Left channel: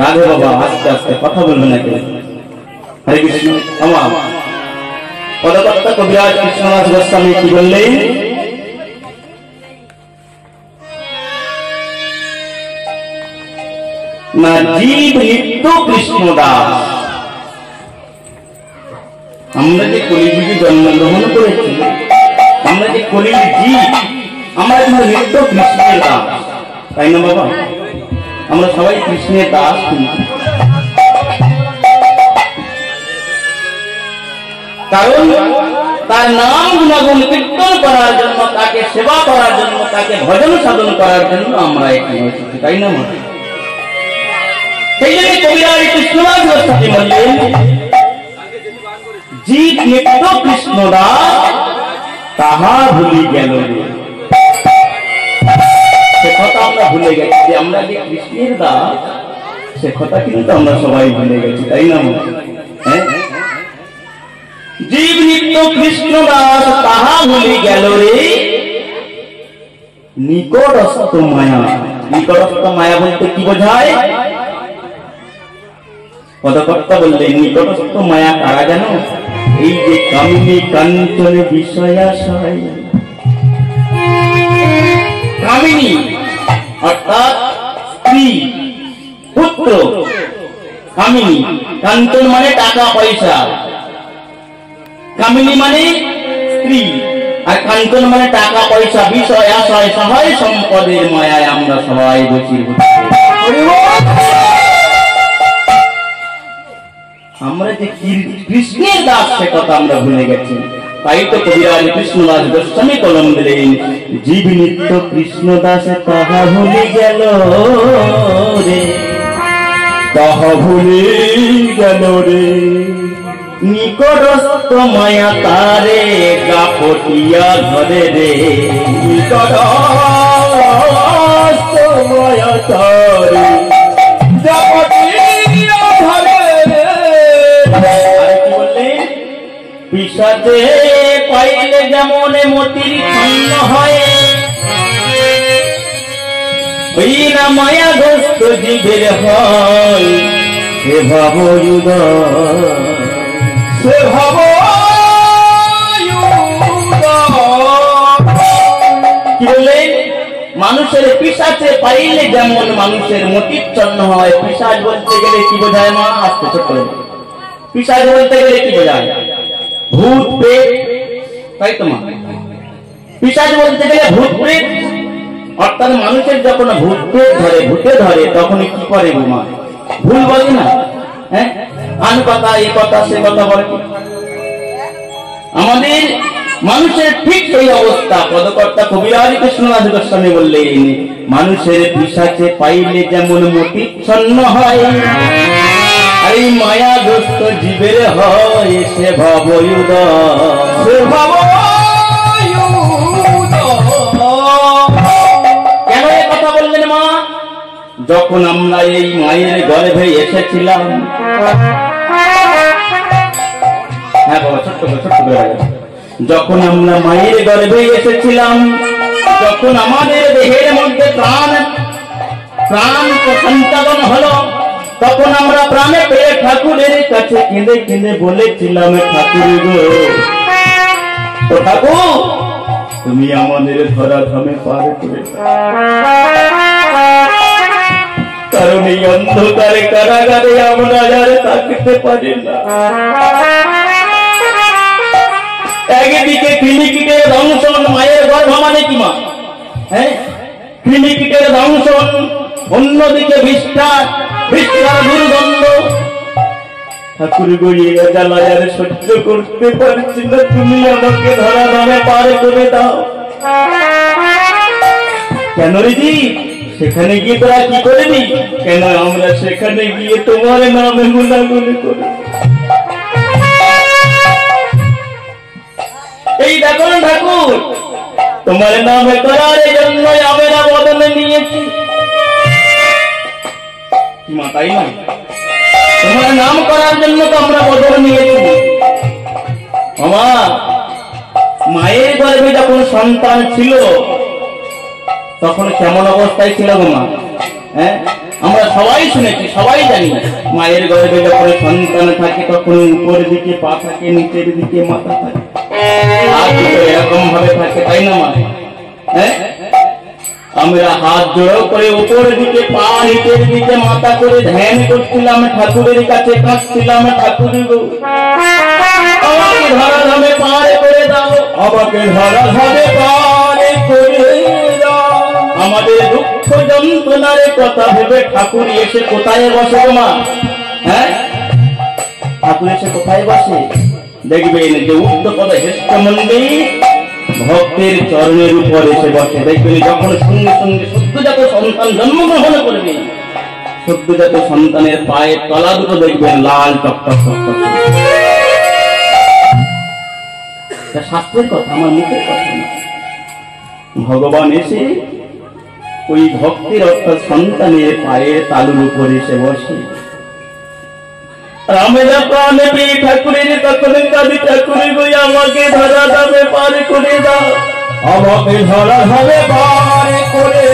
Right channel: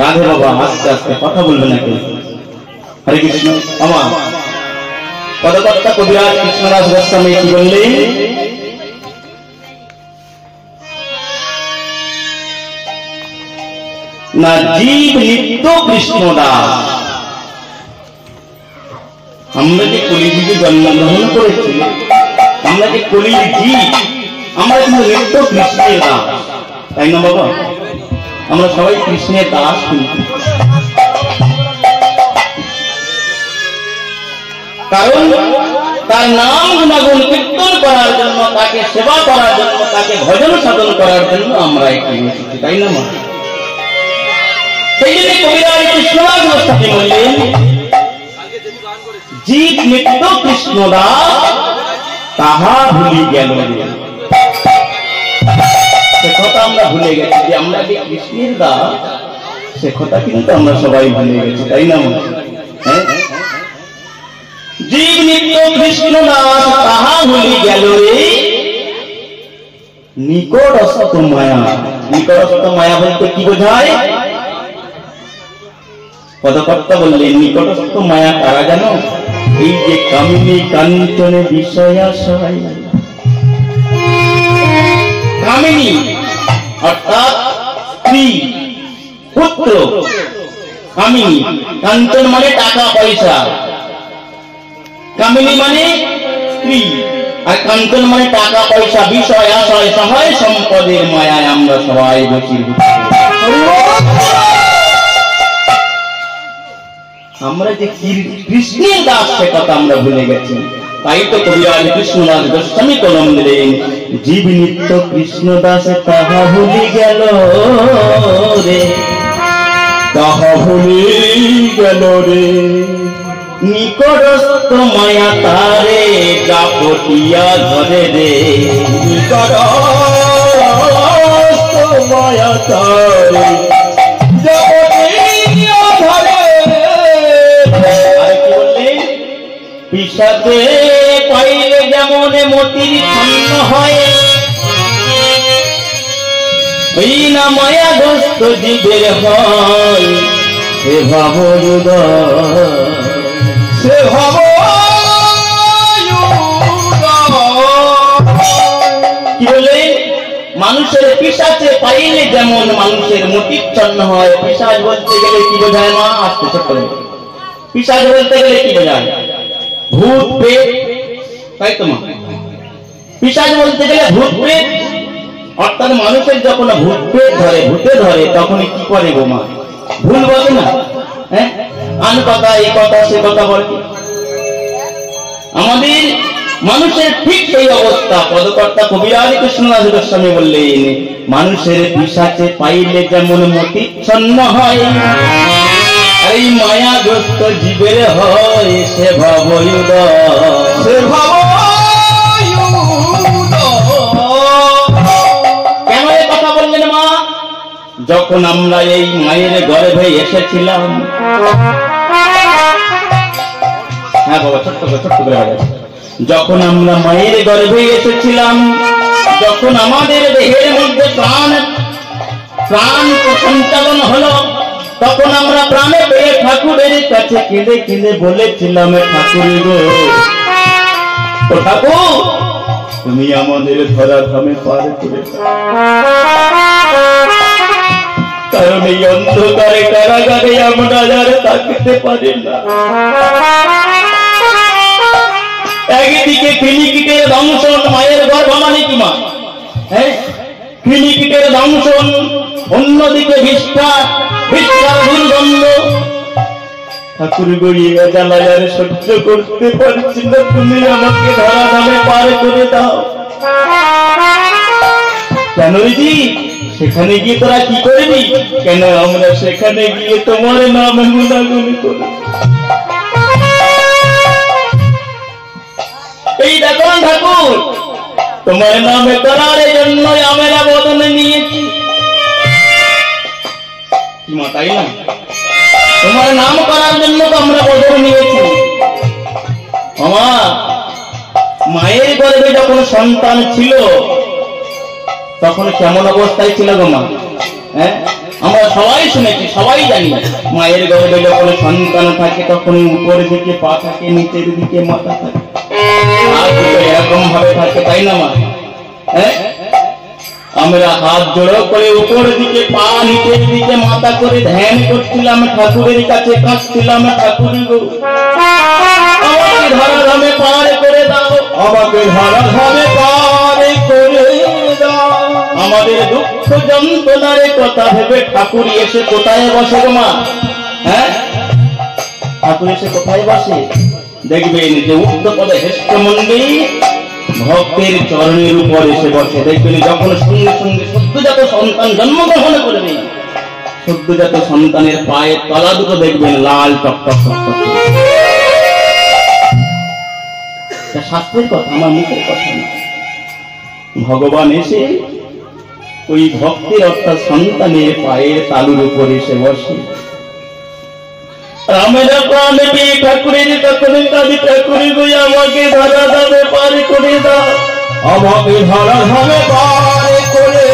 রাধে বাবা আস্তে আস্তে কথা বলবে না কেউ। হরে কৃষ্ণ। আমার পদকর্তা কবিরাজ কৃষ্ণদাস গোস্বামী কি বললেন? না জীব নিত্য কৃষ্ণদাস। আমরা যে কলিযুগে জন্মগ্রহণ করেছি, আমরা যে কলির জীব, আমরা কিন্তু নিত্য কৃষ্ণের দাস, তাই না বাবা? আমরা সবাই কৃষ্ণের দাস। কারণ তার নাম গুণাগুণ কীর্তন করার জন্য, তাকে সেবা করার জন্য, তাকে ভজন সাধন করার জন্য আমরা এখানে এসেছি, তাই না? সেই জন্য কবিরাজ কৃষ্ণদাস গোস্বামী বললেন জীব নিত্য কৃষ্ণদাস তাহা ভুলি গেল রে। সে কথা আমরা ভুলে গেছি যে আমরা যে কৃষ্ণের দাস, সে কথা কিন্তু আমরা সবাই ভুলে গেছি, তাই না? জীব নিত্য কৃষ্ণদাস তাহা ভুলি গেল রে নিকটস্থ মায়া। নিকটস্থ মায়া বলতে কি বোঝায়? পদকর্তা বললেন নিকটস্থ মায়া কারা জানো? এই যে কামিনী কাঞ্চনে বিষয়াশয়। কামিনী অর্থাৎ স্ত্রী, পুত্র। কামিনী, কাঞ্চন মানে টাকা পয়সা, কামিনী মানে স্ত্রী, আর কাঞ্চন মানে টাকা পয়সা, বিষয় আশয় সবাই সম্পদের মায়ায় আমরা সবাই বসীভূত। আমরা যে কৃষ্ণের দাস সে কথা আমরা ভুলে গেছি। তাই তো কবিরাজ কৃষ্ণদাস গোস্বামী কলম দিলেন জীব নিত্য কৃষ্ণ দাস তাহা ভুলে গেল রে, তাহা ভুলে গেল রে নিকটস্থ মায়া তারে গাপটিয়া ধরে রে। নিকটস্থ মায়া তারে পিসাতে পাইলে যেমন মতির ছন্ন হয়, ওই না মায়াগ্রস্ত জীবের হয় সে ভাব সে ভাব। কি বললেন? মানুষের পিসাচে পাইলে যেমন মানুষের মতির ছন্ন হয়। পিসাচ বলতে গেলে কি বোঝায় মা? আসতে ছোট। পিসাচ বলতে গেলে কি বোঝায়? ভূত প্রেত, তাই তো মা? পিশাচ বলতে গেলে ভূত প্রেত। অর্থাৎ মানুষের যখন ভূত প্রেত ধরে, ভূতে ধরে, তখন কি করে গো মা? ভুল বলে না? হ্যাঁ, আন কথা এ কথা সে কথা বলে। আমাদের মানুষের ঠিক এই অবস্থা। পদকর্তা কবিরাজ কৃষ্ণদাস গোস্বামী বললেন মানুষের পিশাচে পাইলে যেমন মতিচ্ছন্ন হয়, এই মায়াগ্রস্ত জীবের হয় সে ভবয়ুদয়। কেন এ কথা বললেন মা? যখন আমরা এই মায়ের গর্ভে এসেছিলাম, হ্যাঁ বাবা ছোট্ট করে, যখন আমরা মায়ের গর্ভে এসেছিলাম, যখন আমাদের দেহের মধ্যে প্রাণ সঞ্চালন হলো, তখন আমরা প্রাণে পেয়ে ঠাকুরের কাছে কেঁদে কেঁদে বলেছিলাম ঠাকুর গো, তো ঠাকুর তুমি আমাদের ধরাধামে পার করে, কারণ এই অন্ধকারে কারাগারে আমরা আর থাকতে পারি না। একদিকে ক্লিনিকের দংশন, মায়ের গর্ভ মানে কি মা? হ্যাঁ, ক্লিনিকের দংশন, অন্যদিকে বিষ্ঠার দুর্গন্ধ। ঠাকুর গড়িয়ে জ্বালায় আর সহ্য করতে পারছি না, তুমি আমাকে ধরাধামে পার করে দাও। কেন রে জি? সেখানে গিয়ে তোরা কি করবি? কেন আমরা সেখানে গিয়ে তোমার নামে গুণাগুণি করি। এই দেখো ঠাকুর, তোমার নামে করার জন্য আমরা বদন নিয়েছি, তাই না? তোমার নাম করার জন্য তো আমরা বদন নিয়েছি। আমার মায়ের গর্ভে যখন সন্তান ছিল তখন কেমন অবস্থায় ছিল গো মা? হ্যাঁ, আমরা সবাই শুনেছি, সবাই জানি, মায়ের গর্ভে যখন সন্তান থাকে তখন উপরের দিকে পা থাকে, নিচের দিকে মাথা থাকে, এরকম ভাবে থাকে, তাই না মা? হ্যাঁ, আমরা হাত জোড়ো করে উপরের দিকে পা, নিচের দিকে মাথা করে ধ্যান করছিলাম, ঠাকুরের কাছে কাঁদছিলাম, ঠাকুর গো আমাকে ধরাধামে পার করে দাও, আমাকে ধরাধামে পার করে দাও। আমাদের দুঃখ যন্ত্রণার কথা ভেবে ঠাকুর এসে কোথায় বসে গো মা? হ্যাঁ, ঠাকুর এসে কোথায় বসে? দেখবেন যে উত্তরপদে হেষ্টমন্ডী ভক্তের চরণের উপর এসে বসে। দেখবেন যখন সঙ্গে সঙ্গে সদ্যজাত সন্তান জন্মগ্রহণ করবে, সদ্যজাত সন্তানের পায়ের তলা দুটো দেখবেন লাল টকটক টকটক। শাস্ত্রের কথা, আমার মুখের কথা না। ভগবান এসে ওই ভক্তের অর্থাৎ সন্তানের পায়ের তালুর উপর এসে বসে। রামেরা প্রাণ পেয়ে ঠাকুরের তখন কাঁদি, ঠাকুরে গো আমাকে ধরাধামে পার করে দাও, আমাকে ধরাধামে পার করে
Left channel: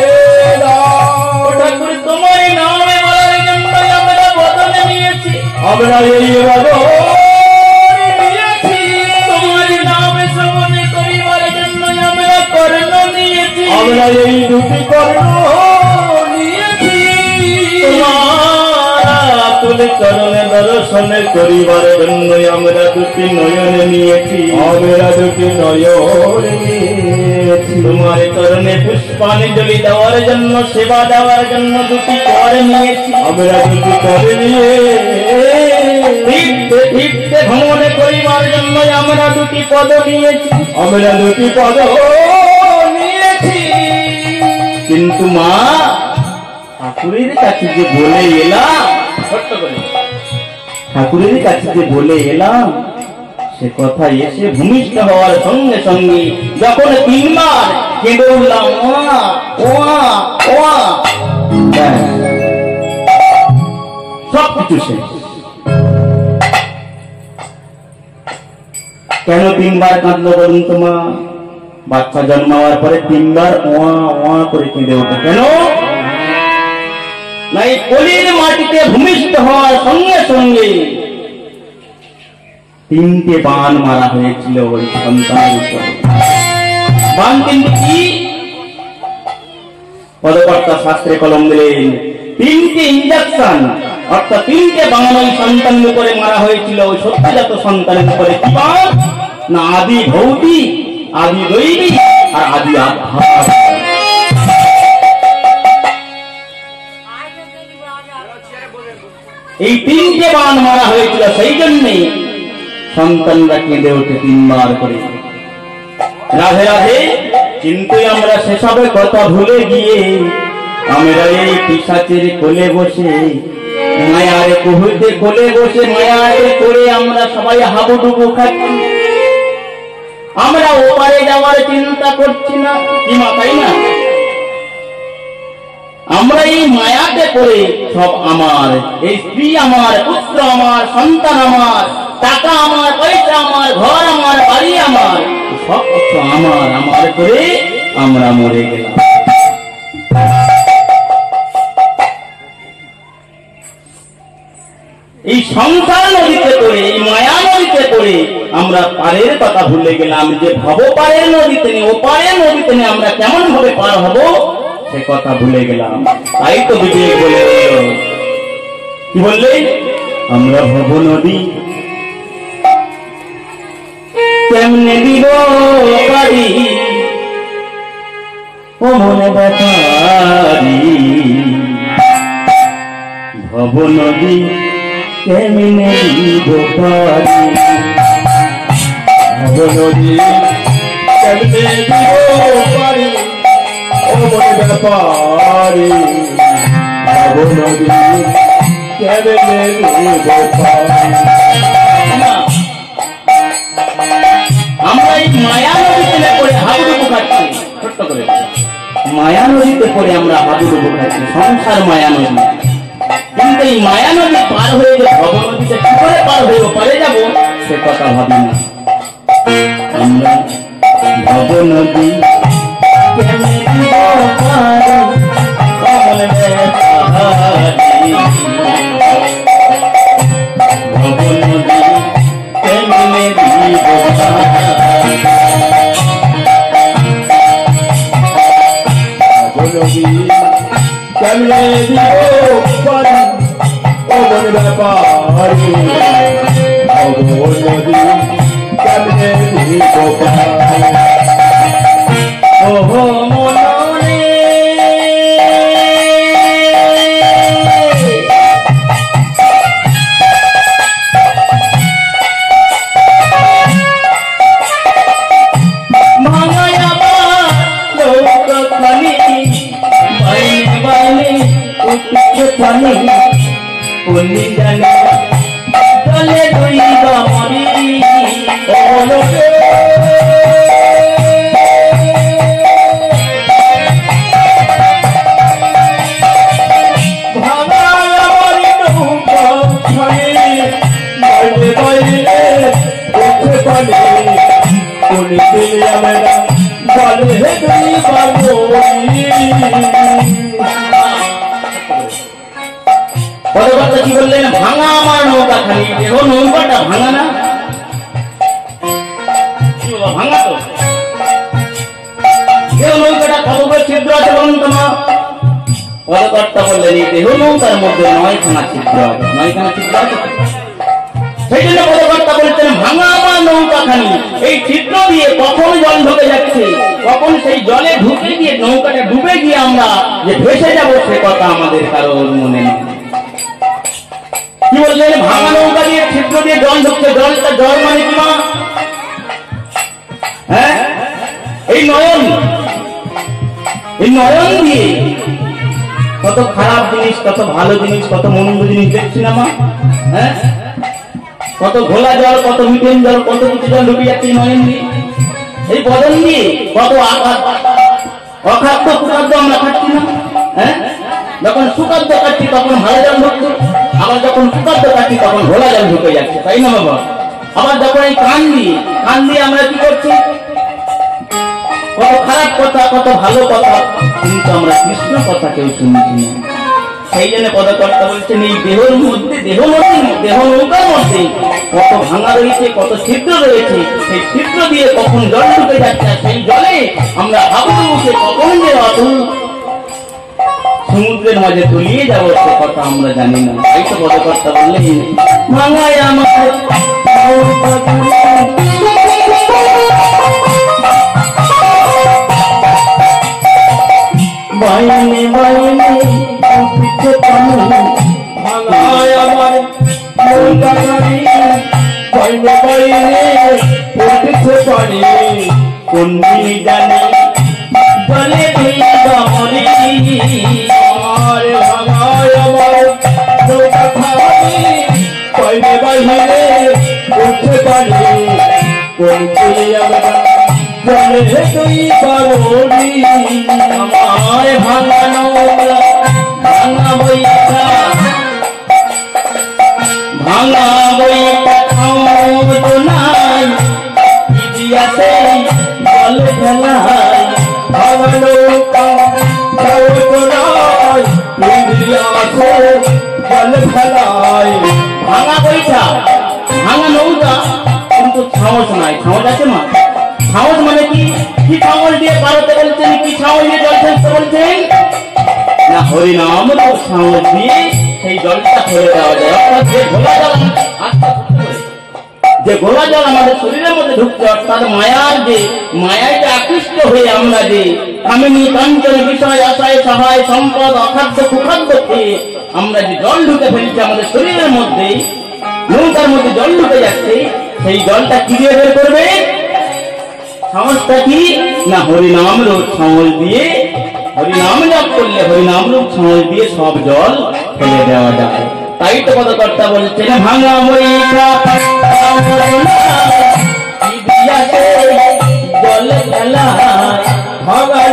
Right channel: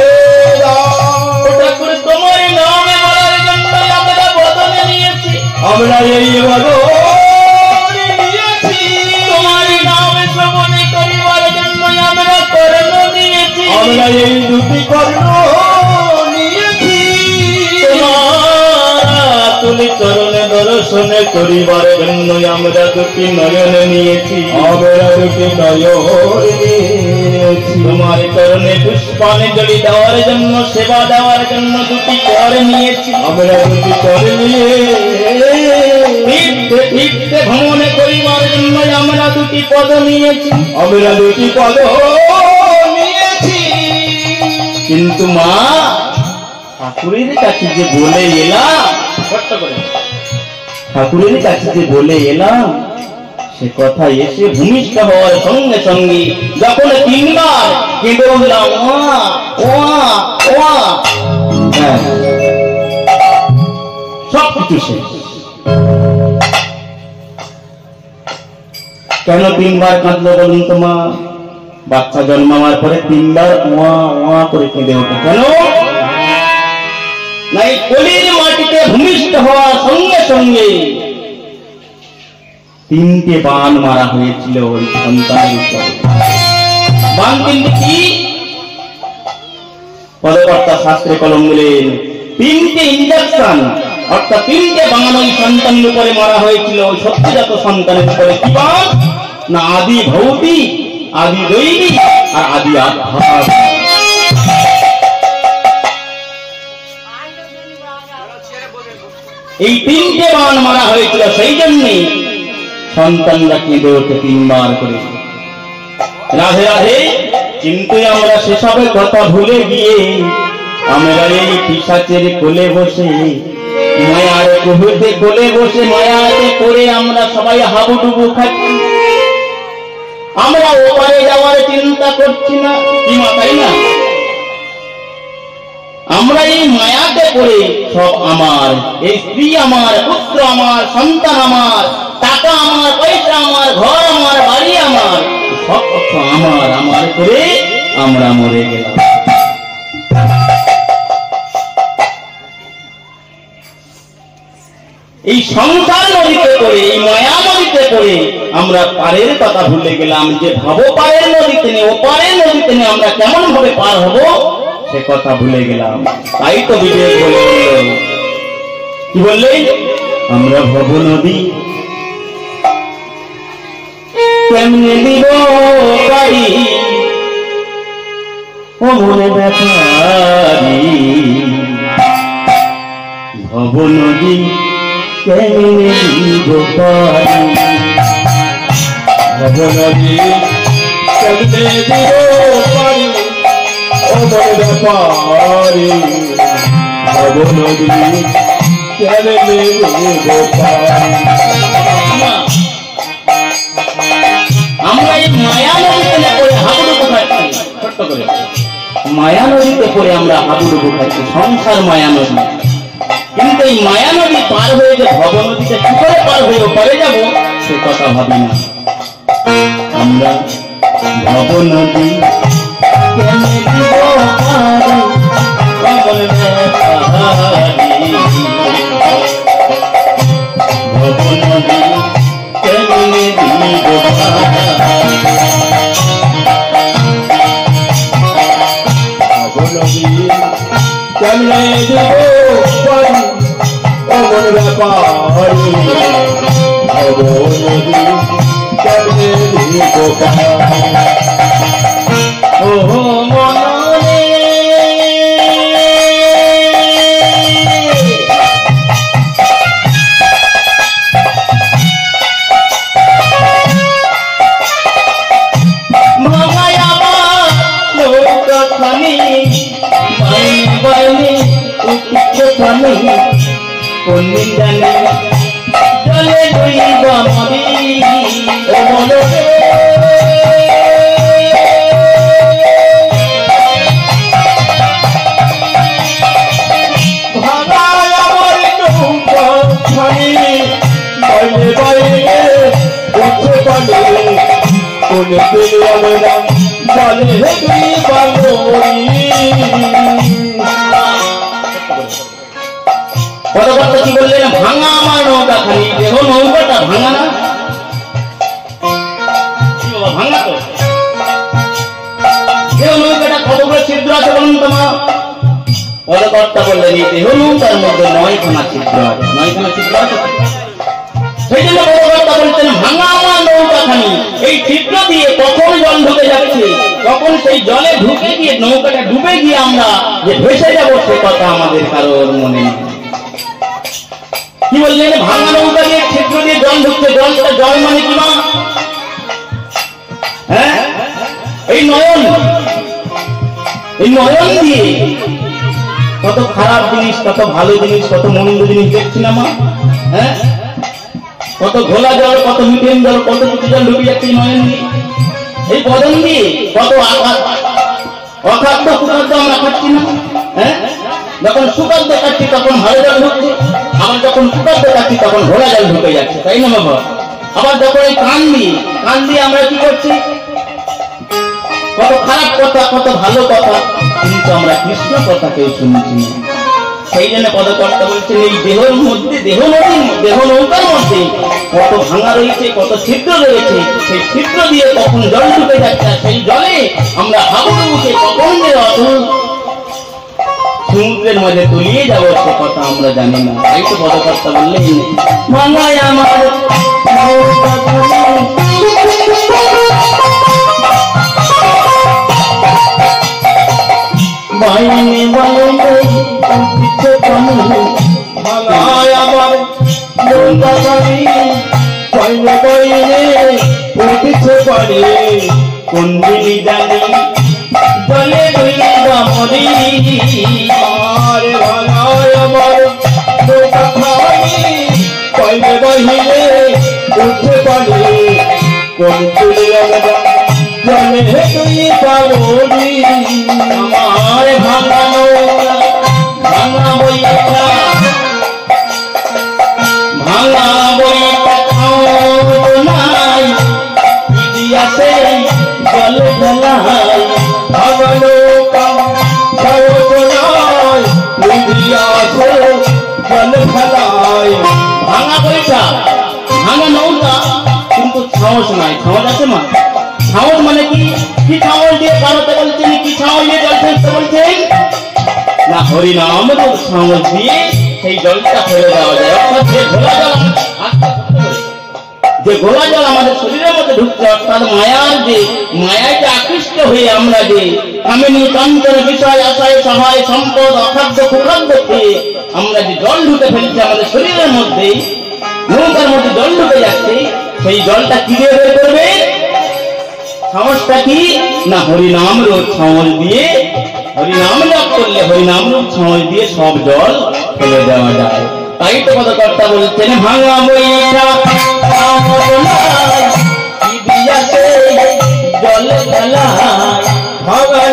দাও। ঠাকুর তোমার নামে বলার জন্য আমরা বদন নিয়েছি, আমরা এই বদন নিয়েছি, তোমার নামে শ্রবণ করিবার জন্য আমরা কর্ণ নিয়েছি, আমরা এই দুটি কর্ণ নিয়েছি, চরণ দর্শন করিবার জন্য আমরা দুটি নয়ন নিয়েছি, আমরা দুটি নয়ন নিয়েছি, তোমার চরণে পুষ্পাঞ্জলি দেওয়ার জন্য, সেবা দেওয়ার জন্য দুটি কর নিয়েছি, আমরা দুটি কর নিয়ে তীর্থে ভ্রমণ করিবার জন্য আমরা দুটি পদ নিয়েছি, আমরা দুটি পদ নিয়েছি। কিন্তু মা, ঠাকুরের কাছে যে বলে এলাম, ঠাকুরের কাছে যে বলে এলাম, সে কথা এসে ভূমিষ্ঠ হওয়ার সঙ্গে সঙ্গে যখন তিনবার কেঁদে উঠলাম, সবকিছু শেষ। কেন তিনবার কাঁদলো বলুন তো মা? বাচ্চা জন্মাবার পরে তিনবার ওয়া ওয়া করে কেঁদে ওঠে কেন? নাই কলির মাটিতে ভূমিষ্ঠ হওয়ার সঙ্গে সঙ্গে তিনটে বান মারা হয়েছিল ওই সন্তানের উপরে। বান কিন্তু কি? পদকর্তা শাস্ত্রে কলম দিলেন, তিনটে ইঞ্জেকশন অর্থাৎ তিনটে বান ওই সন্তানের উপরে মারা হয়েছিল, ওই সত্যজাত সন্তানের উপরে। কি বান? না আদি ভৌতিক, আদি দৈবিক আর আদি আধ্যাত্মিক। এই তিনটে বান মারা হয়েছিল, সেই জন্যে সন্তানরা কেঁদে ওঠে তিনবার করে, রাধে রাধে। কিন্তু আমরা সেসবের কথা ভুলে গিয়ে আমরা এই পিশাচের কোলে বসে, মায়ারে কহুতে কোলে বসে মায়ারে করে আমরা সবাই হাবুডুবু খাচ্ছি। আমরা ওপারে যাওয়ার চিন্তা করছি না, কি মা, তাই না? আমরা এই মায়াতে করে সব আমার, এই স্ত্রী আমার, পুত্র আমার, সন্তান আমার, টাকা আমার, পয়সা আমার, ঘর আমার, বাড়ি আমার, সব আমার আমার করে আমরা মরে গেলাম। এই সংসার নদীতে করে, এই মায়া নদীতে করে আমরা পারের কথা ভুলে গেলাম, যে ভব পারের নদীতে নেই, ও পারের নদীতে নেই আমরা কেমন ভাবে পার হব সে কথা ভুলে গেলাম। তাই তো বিবেক বলে কি বললেন, আমরা ভব নদী কেমনে দিব পারি, ও মনে ব্যাপারি, ভব নদী কেমনে দিব পারি, ভব নদী কেমনে দিব পারি, ও মনে ব্যাপারি, ভব নদী কেমনে দিব পারি। আমরা এই মায়া নদীতে পড়ে হাবুডুবু খাচ্ছি, ছোট্ট করে মায়া নদীতে পড়ে আমরা হাবুডুবু খাচ্ছি, সংসার মায়া নদী। কিন্তু এই মায়া নদী পার হয়ে যে ভব নদীতে কি করে পার হয়ে পারে যাব সে কথা ভাবি না। আমরা ভব নদী কেমনে দিব পারি, অমন ব্যাপার অবনদী কেমনে ওহো মনরে ভাঙায়া নৌকা খানি বাইনি বাইনি উঠছে খানি কোন জানে চলে গইবা মরি মনে পরবর্তী কি বললেন ভাঙা আমার নৌকা খালি দেহ নৌকাটা ভাঙা না ভাঙা তো দেহ নৌকাটা কতগুলো ছিদ্র আছে বলুন তোমার পরবর্তী বললেন এই দেহ নৌকার মধ্যে 9খানা ছিদ্র আছে 9খানা ছিদ্র আছে সেই জন্য পরবর্তী বলছেন ভাঙা আমার নৌকা খানি এই ছিদ্র দিয়ে কখন জল ঢুকে যাচ্ছে কখন সেই জলে ঢুকে গিয়ে নৌকাটা ডুবে গিয়ে আমরা যে ভেসে যাব সে কথা আমাদের কারোর মনে নেই কি বললেন ভাঙা নৌকা দিয়ে ছিদ্র দিয়ে জল ঢুকছে জলটা জল মানে কি না হ্যাঁ এই নয়ন দিয়ে কত খারাপ জিনিস কত ভালো জিনিস কত মন্দ জিনিস দেখছি না মা হ্যাঁ কত ঘোলা জল কত মিঠেন জল কত কিছু জল ঢুকে যাচ্ছে নয়ন দিয়ে এই বদন দিয়ে কত অখাদ্য কুখাদ্য আমরা খাচ্ছি না হ্যাঁ যখন সুখাদ্য খাচ্ছি তখন ভালো জল ঢুকছে আবার যখন সুখাদ্য খাচ্ছি তখন ঘোলা জল ঢুকে যাচ্ছে তাই না বাবা আবার যখন এই কান দিয়ে আমরা কি করছি কত খারাপ কথা কত ভালো কথা কিন্তু আমরা কৃষ্ণ কথা কেউ শুনছি না সেই জন্য পদকর্তা বলছেন এই দেহের মধ্যে দেহ নৌকার মধ্যে কত ভাঙা রয়েছে কত ছিদ্র রয়েছে সেই ছিদ্র দিয়ে কখন জল ঢুকে যাচ্ছে সেই জলে আমরা হাবুর মুখে কখন যে সমুদ্রের মাঝে তলিয়ে যাবো সে কথা আমরা জানি না তাই তো পদকর্তা বললেন ভাঙায় আমার বাইনে বাইনে উঠছে পানি ভাঙায় আমার নৌকা খানি বাইনে বাইনে উঠছে পানি কোন দিনই জানি জলে ডুইবা মরি আরে ভাঙায় আমার নৌকা খানি বাইনে বাইনে উঠছে পানি কোন দিনই আমরা জলে ডুইবা মরি আমার ভাঙানো ভাঙা বইটা নাই ইতিহাসে জলে ঢালাই ভাঙানো ইতিহাসে জলে ঢালাই ভাঙা বইটা ভাঙা নৌকা কিন্তু সাহস নাই সাহস আছে মা সাহস মানে কি সাহস দিয়ে ভারতে বলছেন কি সাহস দিয়ে জল ফেলতে বলছেন না হরিনাম তো সাহস দিয়ে সেই জলটা ফেলে দেওয়া যায় অর্থাৎ যে ঘোলা জল আমাদের শরীরের মধ্যে ঢুকছে অর্থাৎ মায়ায় আকৃষ্ট হয়ে আমরা যে কামিনী কাঞ্চন বিষয় আশায় সহায় সম্পদ অখাদ্য কুখাদ্য খেয়ে আমরা যে জল ঢুকে ফেলছি আমাদের শরীরের মধ্যে নৌকার মধ্যে জল ঢুকে যাচ্ছে সেই জলটা কি দিয়ে বের করবে সাহসটা কি না হরিনাম রূপ সাহস দিয়ে হরিনাম জপ করলে হরিনাম রূপ সাহস দিয়ে সব জল ফেলে দেওয়া যায় তাই তো পদকর্তা বলছেন ভাঙা বইটা জল ফেলা ভাঙা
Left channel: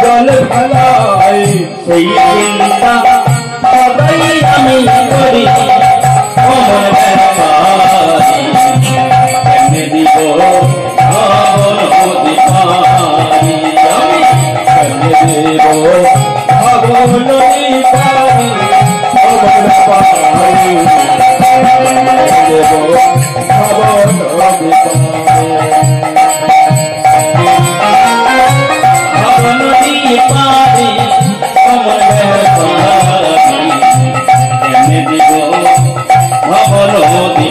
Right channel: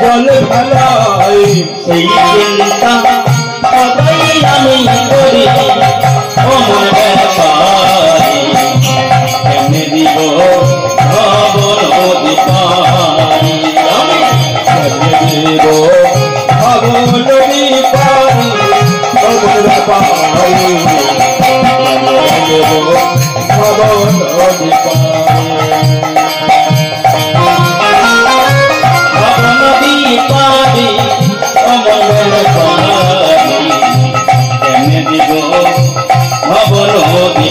জল ফেলাই সেই চিন্তা সবাই আমি করি অমর ব্যাপারে কেমনে দিব ভাবন অধিকারী আমি কেমনে দিব ভাবন অধিকারী অমর ব্যাপারে কেমনে দিব ভাবন অধিকারী পারি অমন পারি কেমনে দিব অবল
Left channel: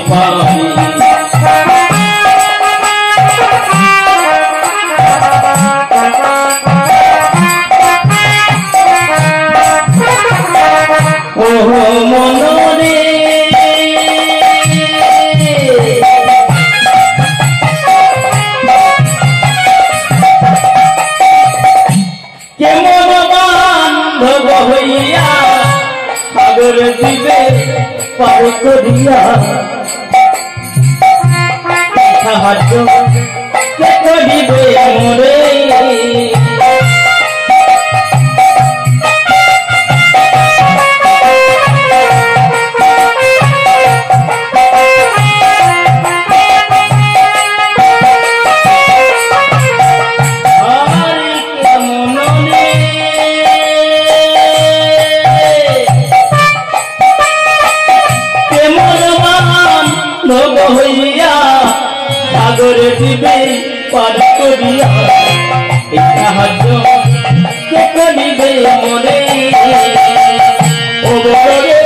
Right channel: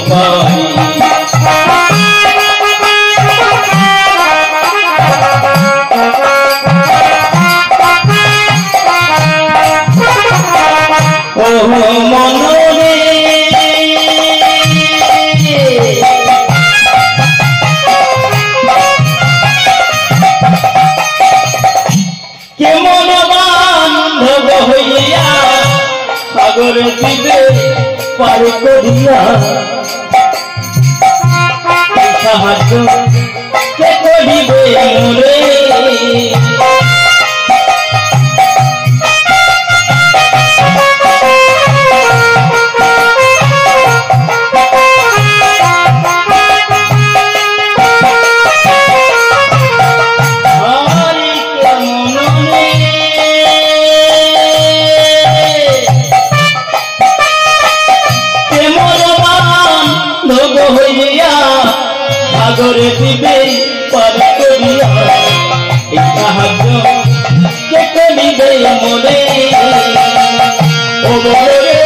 পারি সাগর দিবে পার করিয়া সাহায্য কে করিবে মোরে সাগরে দিবে পার করিয়া সাহায্য কে করিবে মোরে ও বলে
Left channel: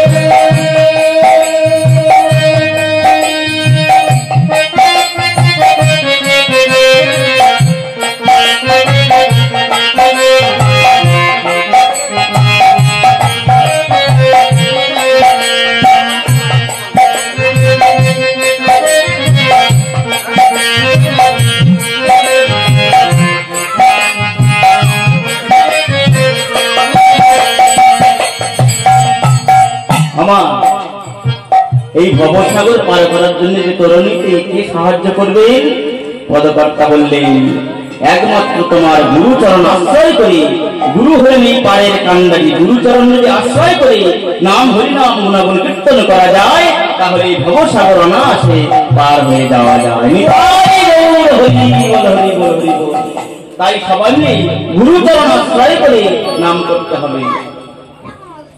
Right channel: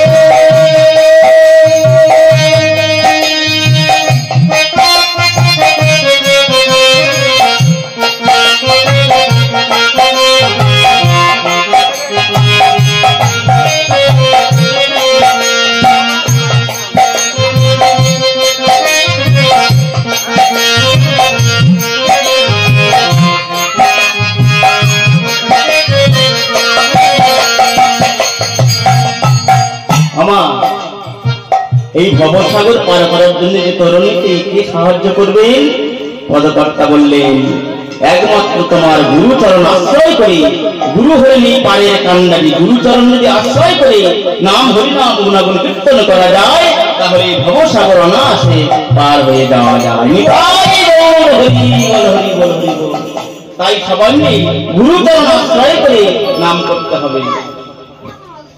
এই ভবসাগর পার করার জন্য যে তরুণীকে কে সাহায্য করবেন পদকর্তা বললেন একমাত্র তোমার গুরুচরণ আশ্রয় করে গুরু হলেন এই পারের কান্ডারি গুরুচরণ যদি আশ্রয় করে নাম হরিনাম গুণাগুণ কীর্তন করা যায় তাহলে এই ভবসাগর অনায়াসে পার হয়ে যাওয়া যায় তাই সবাই গুরুচরণ আশ্রয় করে নাম করতে হবে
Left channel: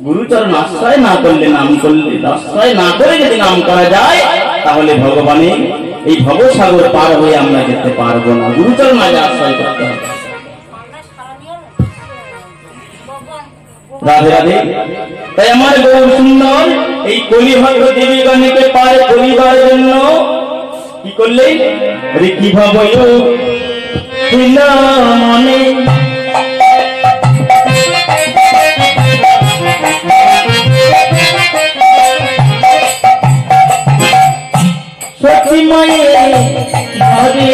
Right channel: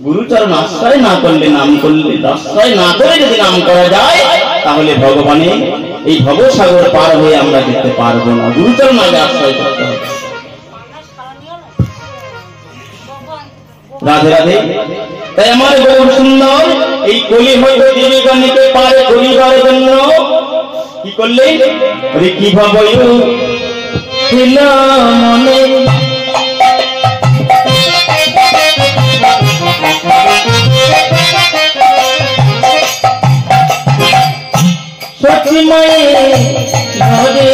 গুরুচরণ আশ্রয় না করলে নাম করলে আশ্রয় না করে যদি নাম করা যায় তাহলে ভগবানের এই ভবসাগর পার হয়ে আমরা যেতে পারবো না গুরুচরণ আগে আশ্রয় করতে হবে রাধে রাধে তাই আমার গৌর সুন্দর এই কলিভাগ্য জীবিকানিকে পার করিবার জন্য কি করলেন আরে কি ভাবো মনে সচিমায়ে ঘরে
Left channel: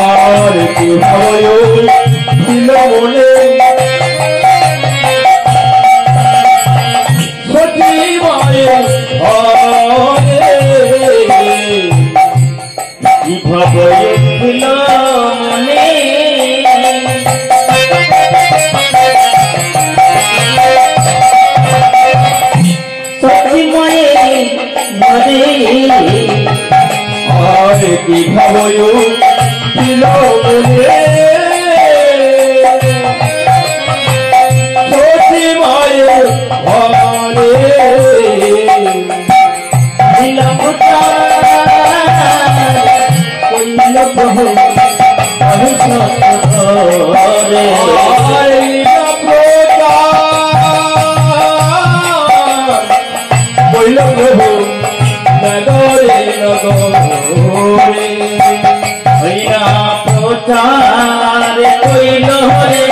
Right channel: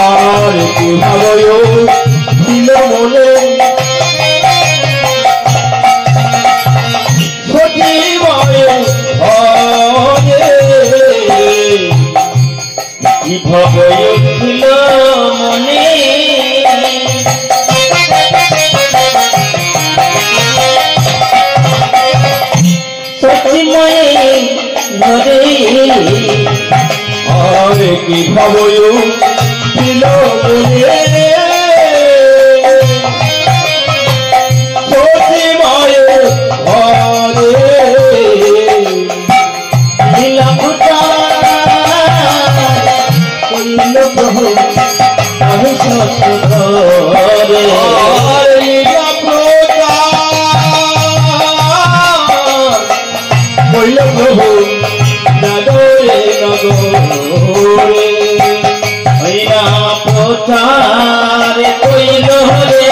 আর কি ভাবো ছিল মনে সচিমায়ে ঘরে কি ভাবো ছিল মনে সচিমায়ে ঘরে আর কি ভাবো ছিল মনে সচিমায়ে ঘরে নীলা ফুটা কইল প্রভু আমি সত্যরে কইল প্রভু নগরে নগরে হইয়া প্রচারে কইল রে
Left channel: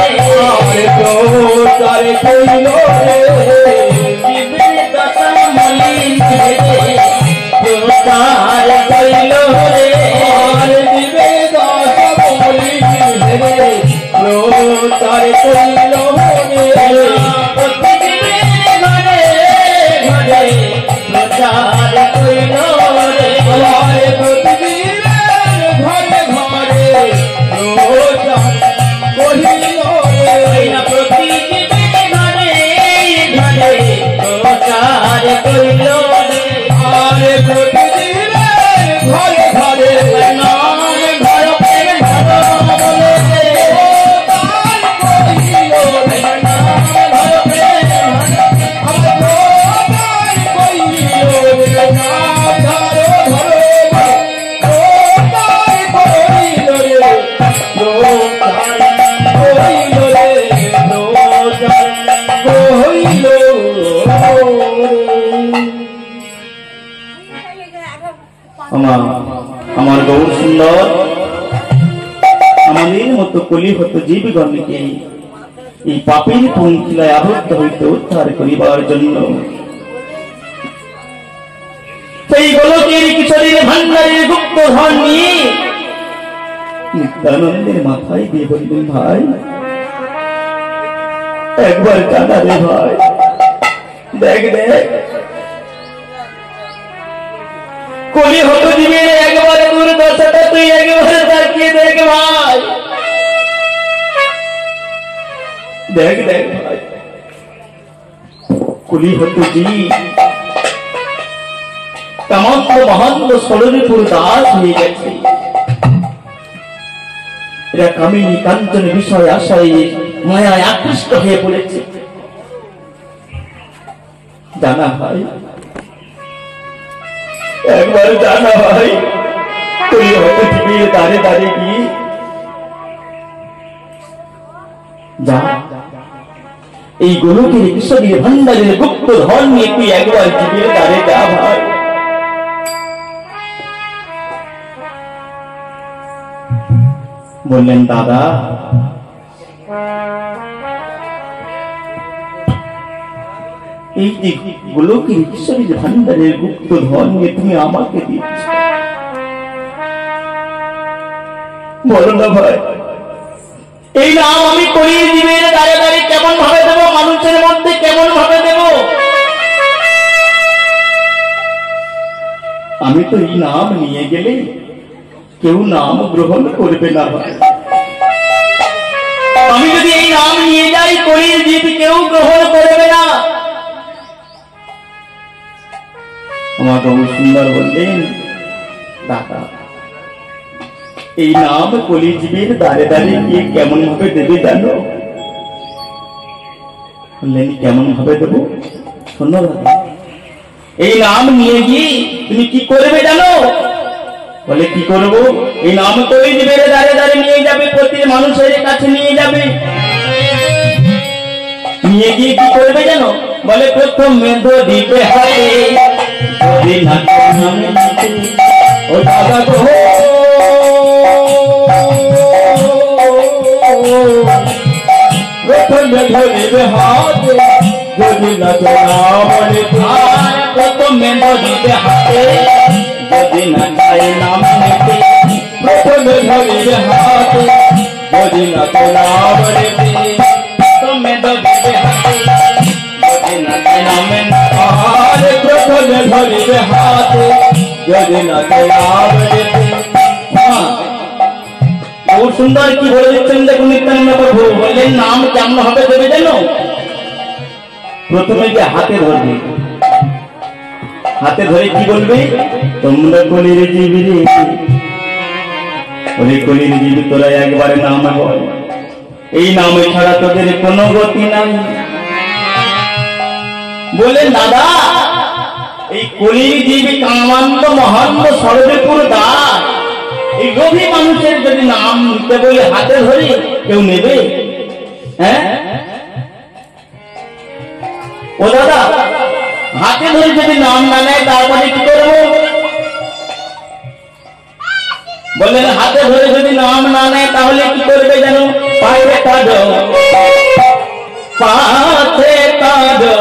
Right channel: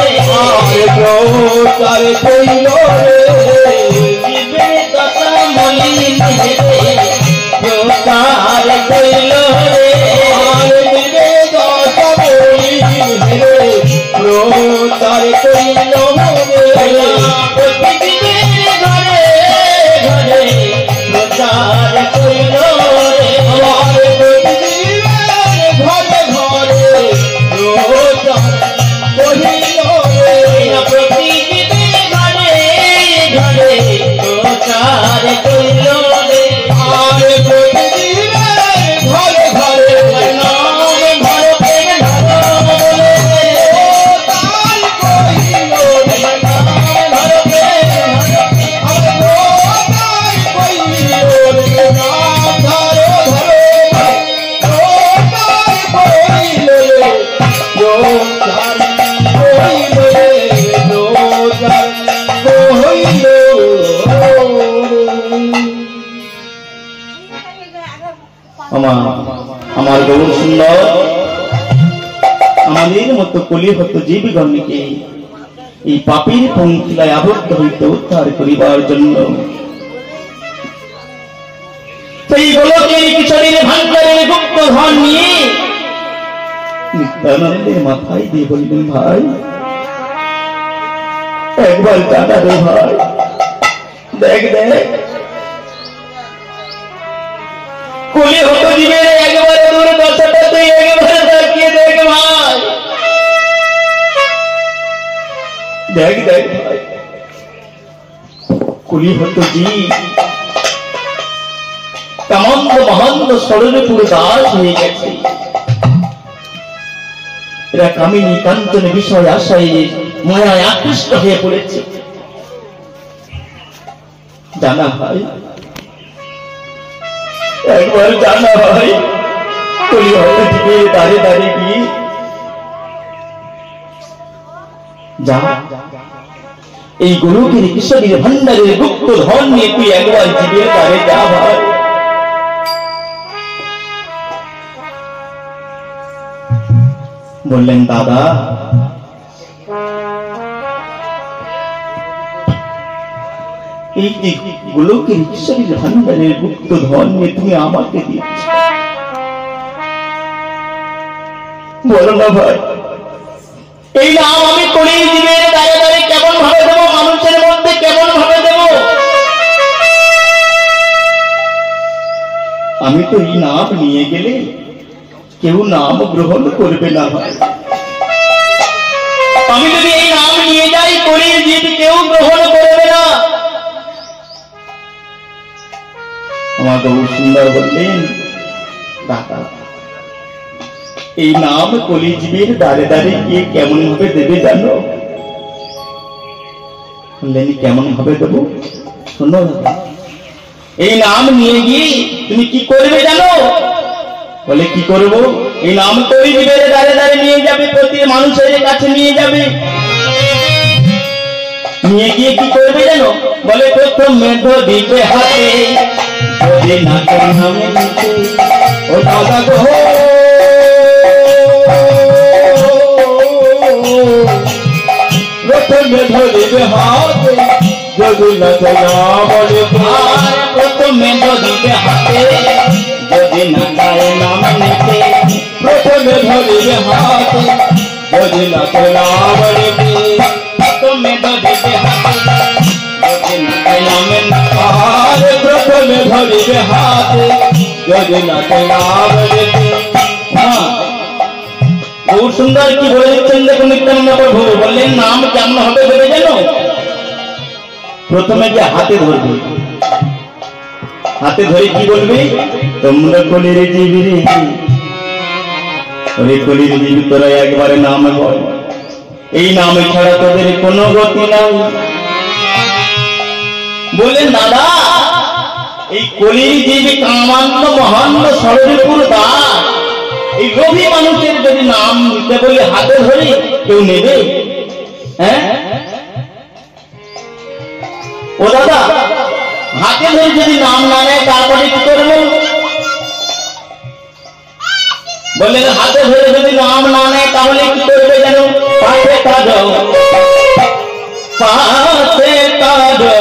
প্রচারে কইল রে জীবে দশা মলিন হে প্রচারে কইল রে জীবে দশা মলিন হে প্রচারে কইল রে প্রতিদিনের ঘরে ঘরে প্রচার কইল রে প্রতিদিনের ঘরে ঘরে প্রচার কইল রে প্রতিদিনের ঘরে ঘরে প্রচার কইল রে প্রতিদিনের ঘরে ঘরে নাম ঘরে ঘরে প্রচার কইল রে কুলিহত জীবগণকে এই পাপের পঙ্কিলায় আবদ্ধ হইতে উদ্ধার করিবার জন্য সেই গোলকের কিশোরীর ভান্ডারের গুপ্ত ধন নিয়ে নিত্যানন্দের মাথায় দিয়ে বললেন, ভাই একবার জানা রে ভাই, দেখ দেখ কুলিহত জীবের একবারে দুর্দশাটা তুই একবারে তাকিয়ে দেখ ভাই, দেখ দেখ ভাই কুলিহত জীব কামন্দ মহন্দ ষড়রিপুর দাস হয়ে গেছে। এরা কামিনী কাঞ্চন বিষয় আশয়ে মায়ায় আকৃষ্ট হয়ে পড়েছে। জানা ভাই, একবার জানা ভাই, তুই হয়তো থেকে দাঁড়ে দাঁড়ে গিয়ে যা এই গোলকের কিশোরীর ভান্ডারের গুপ্ত ধন নিয়ে তুই একবার জীবের দাঁড়ে যা ভাই। বললেন, দাদা এই যে গোলকের কিশোরীর ভান্ডারের গুপ্ত ধন নিয়ে তুমি আমাকে দিচ্ছ, বলো না ভাই এই নাম আমি করিয়ে দিবে দাঁড়ে দাঁড়িয়ে কেমন ভাবে দেবো, মানুষের মধ্যে কেমন ভাবে দেবো? আমি তো এই নাম নিয়ে গেলে কেউ নাম গ্রহণ করবে না ভাই। আমি যদি এই নাম নিয়ে যাই করিয়ে দিবি, কেউ গ্রহণ করবে না। আমার বহু সুন্দর বললেন, দাদা এই নাম কলিজীবের দাঁড়ে দাঁড়িয়ে গিয়ে কেমন ভাবে দেবে জানো? বললেন, কেমন ভাবে দেবো? শোনো দাদা, এই নাম নিয়ে গিয়ে তুমি কি করবে জানো? বলে, কি করব? এই নাম কলিজীবের দাঁড়ে দাঁড়িয়ে নিয়ে যাবে, প্রতি মানুষের কাছে নিয়ে যাবে, নিয়ে গিয়ে কি করবে জানো? বলে, প্রথম মেধ দিতে হাতে, যদি না ও দাদা গো, প্রথমে ধরিবে হাতে, যদি না বলে প্রথমে ধরিবে হাতে, যদি না গায়ে নাম নিতে, প্রথমে ধরিবে হাতে, যদি না বলে প্রথমে ধরিবে হাতে, যদি না গায়ে নাম নিতে, প্রথমে ধরিবে হাতে, যদি না বলে। बहुत सुंदर की बोले देखो नित्यानंद प्रभु বললেন, নাম কেমন হবে দেবে জানো? প্রথমে যে হাতে ধরবে, হাতে ধরে কি বলবে? তোমরা কলির জীবী রে, ওরে কলির জীবী তোরা একবারে নাম বল, এই নাম ছাড়া তোদের কোনো গতি নাই। বললেন, দাদা এই কলির জীবী কামান্ত মহান্ত ষড়রিপুর দাস, এই লোভী মানুষের যদি নাম নিতে বলে হাতে ধরি কেউ নেবে? হ্যাঁ ও দাদা, হাতে ধরে যদি নাম না নেয় তারপরে কি করবে? বললেন, হাতে ধরে যদি নাম না নেয় তাহলে কি করবে জানো? পাশে কাঁদো, পাশে কাঁদো,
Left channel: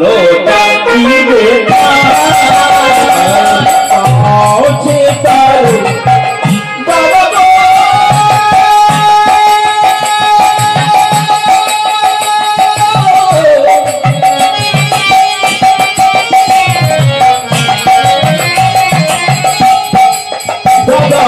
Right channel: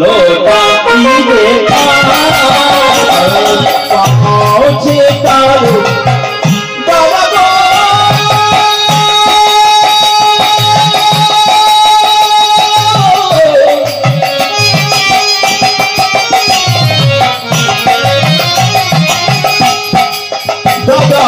লোটা দিবে পাছে কাঁদো, দাদা গো দাদা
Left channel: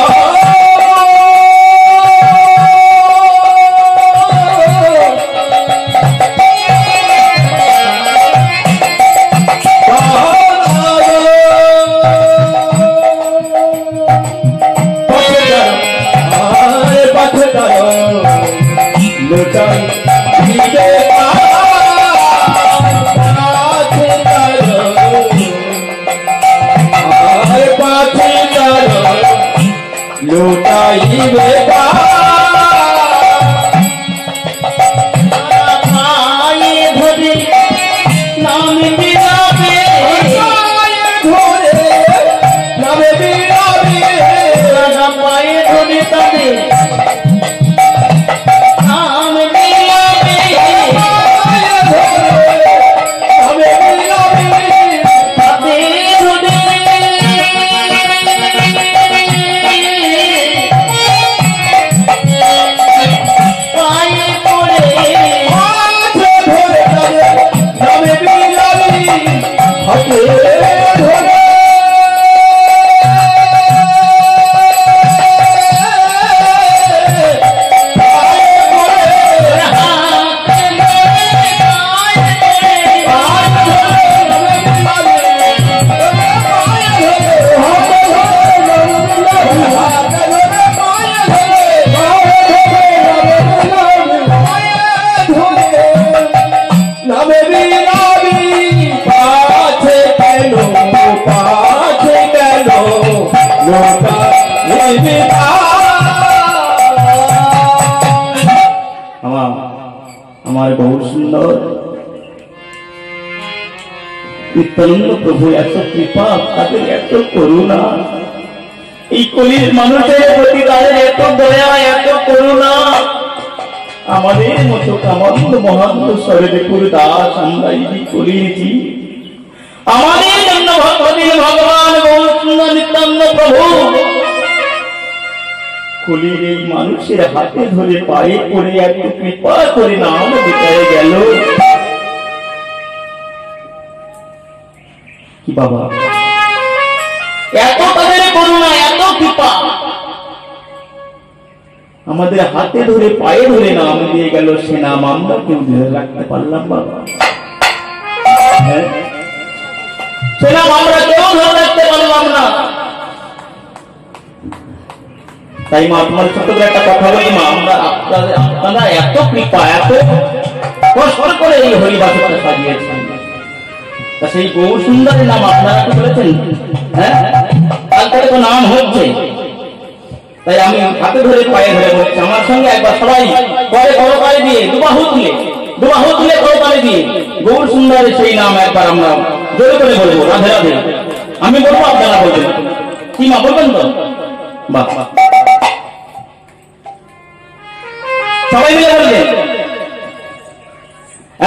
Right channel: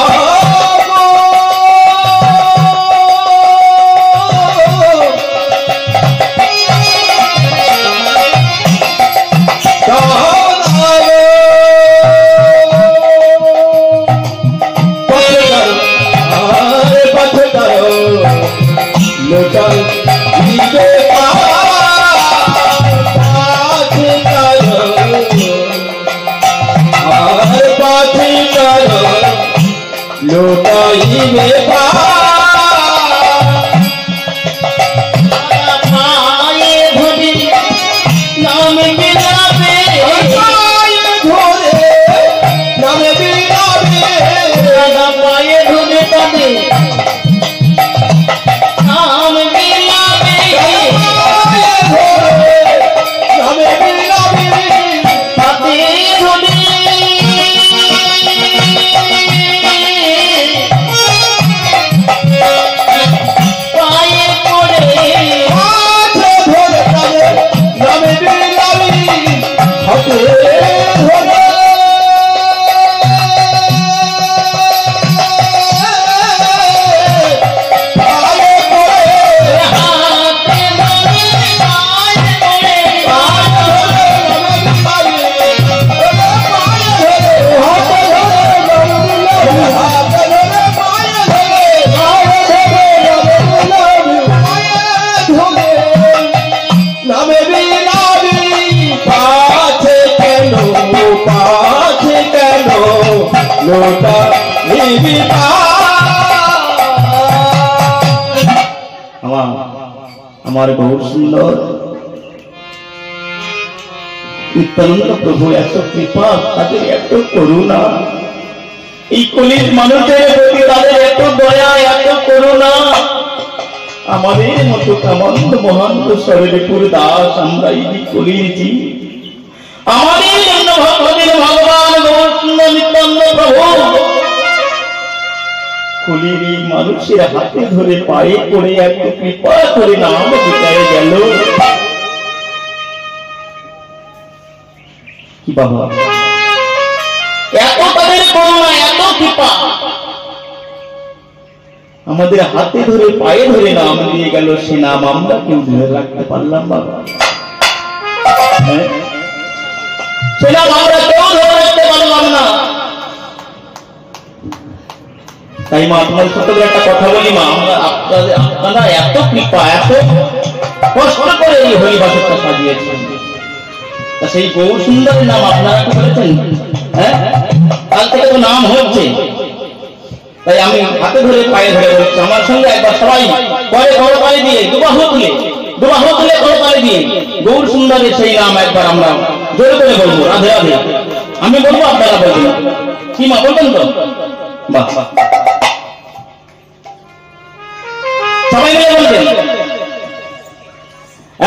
গৌর সুন্দর নিত্যানন্দ প্রভু এত কৃপা, তাদের এত করুণা, এই কলির মানুষের প্রতি তাদের এত দয়া, এত করুণা। আমাদের মতো কামন্দ মহান্ত শরীরে পুরো দাস আমরা এই কলিয়েছি, আমাদের জন্য ভগবান গৌর সুন্দর নিত্যানন্দ প্রভু কলির এই মানুষের হাতে ধরে পায়ে পড়ে এত কৃপা করে নাম যেতে গেল। কি বাবা, এত তাদের করুণা, এত কৃপা, আমাদের হাতে ধরে পায়ে ধরে নাম দিয়ে গেল, সে নাম আমরা কেউ ধরে রাখতে পারলাম বাবা? সে নাম আমরা কেউ ধরে রাখতে পারলাম না। তাই মা তোমার সাথে একটা কথা বলি মা, আপনারা এত কৃপা, এত কষ্ট করে এই হরিবাসরটা সাজিয়েছেন, তা সেই গৌর সুন্দরের নাম আপনারা কি বলেছেন? হ্যাঁ, কাল থেকে তো নাম হচ্ছে, তাই আমি হাতে ধরে পায়ে ধরে বলছি, আমার সঙ্গে একবার সবাই পরে বড় পায়ে দিয়ে দুবাহু তুলে বড় পায়ে দিয়ে গৌর সুন্দরের সেই নাম একবার আমরা জোরে করে বলবো, রাধে রাধে। আমি বলবো, আপনারা বলবেন, কি মা বলবেন তো? বাহ, সবাই মিলে বলবেন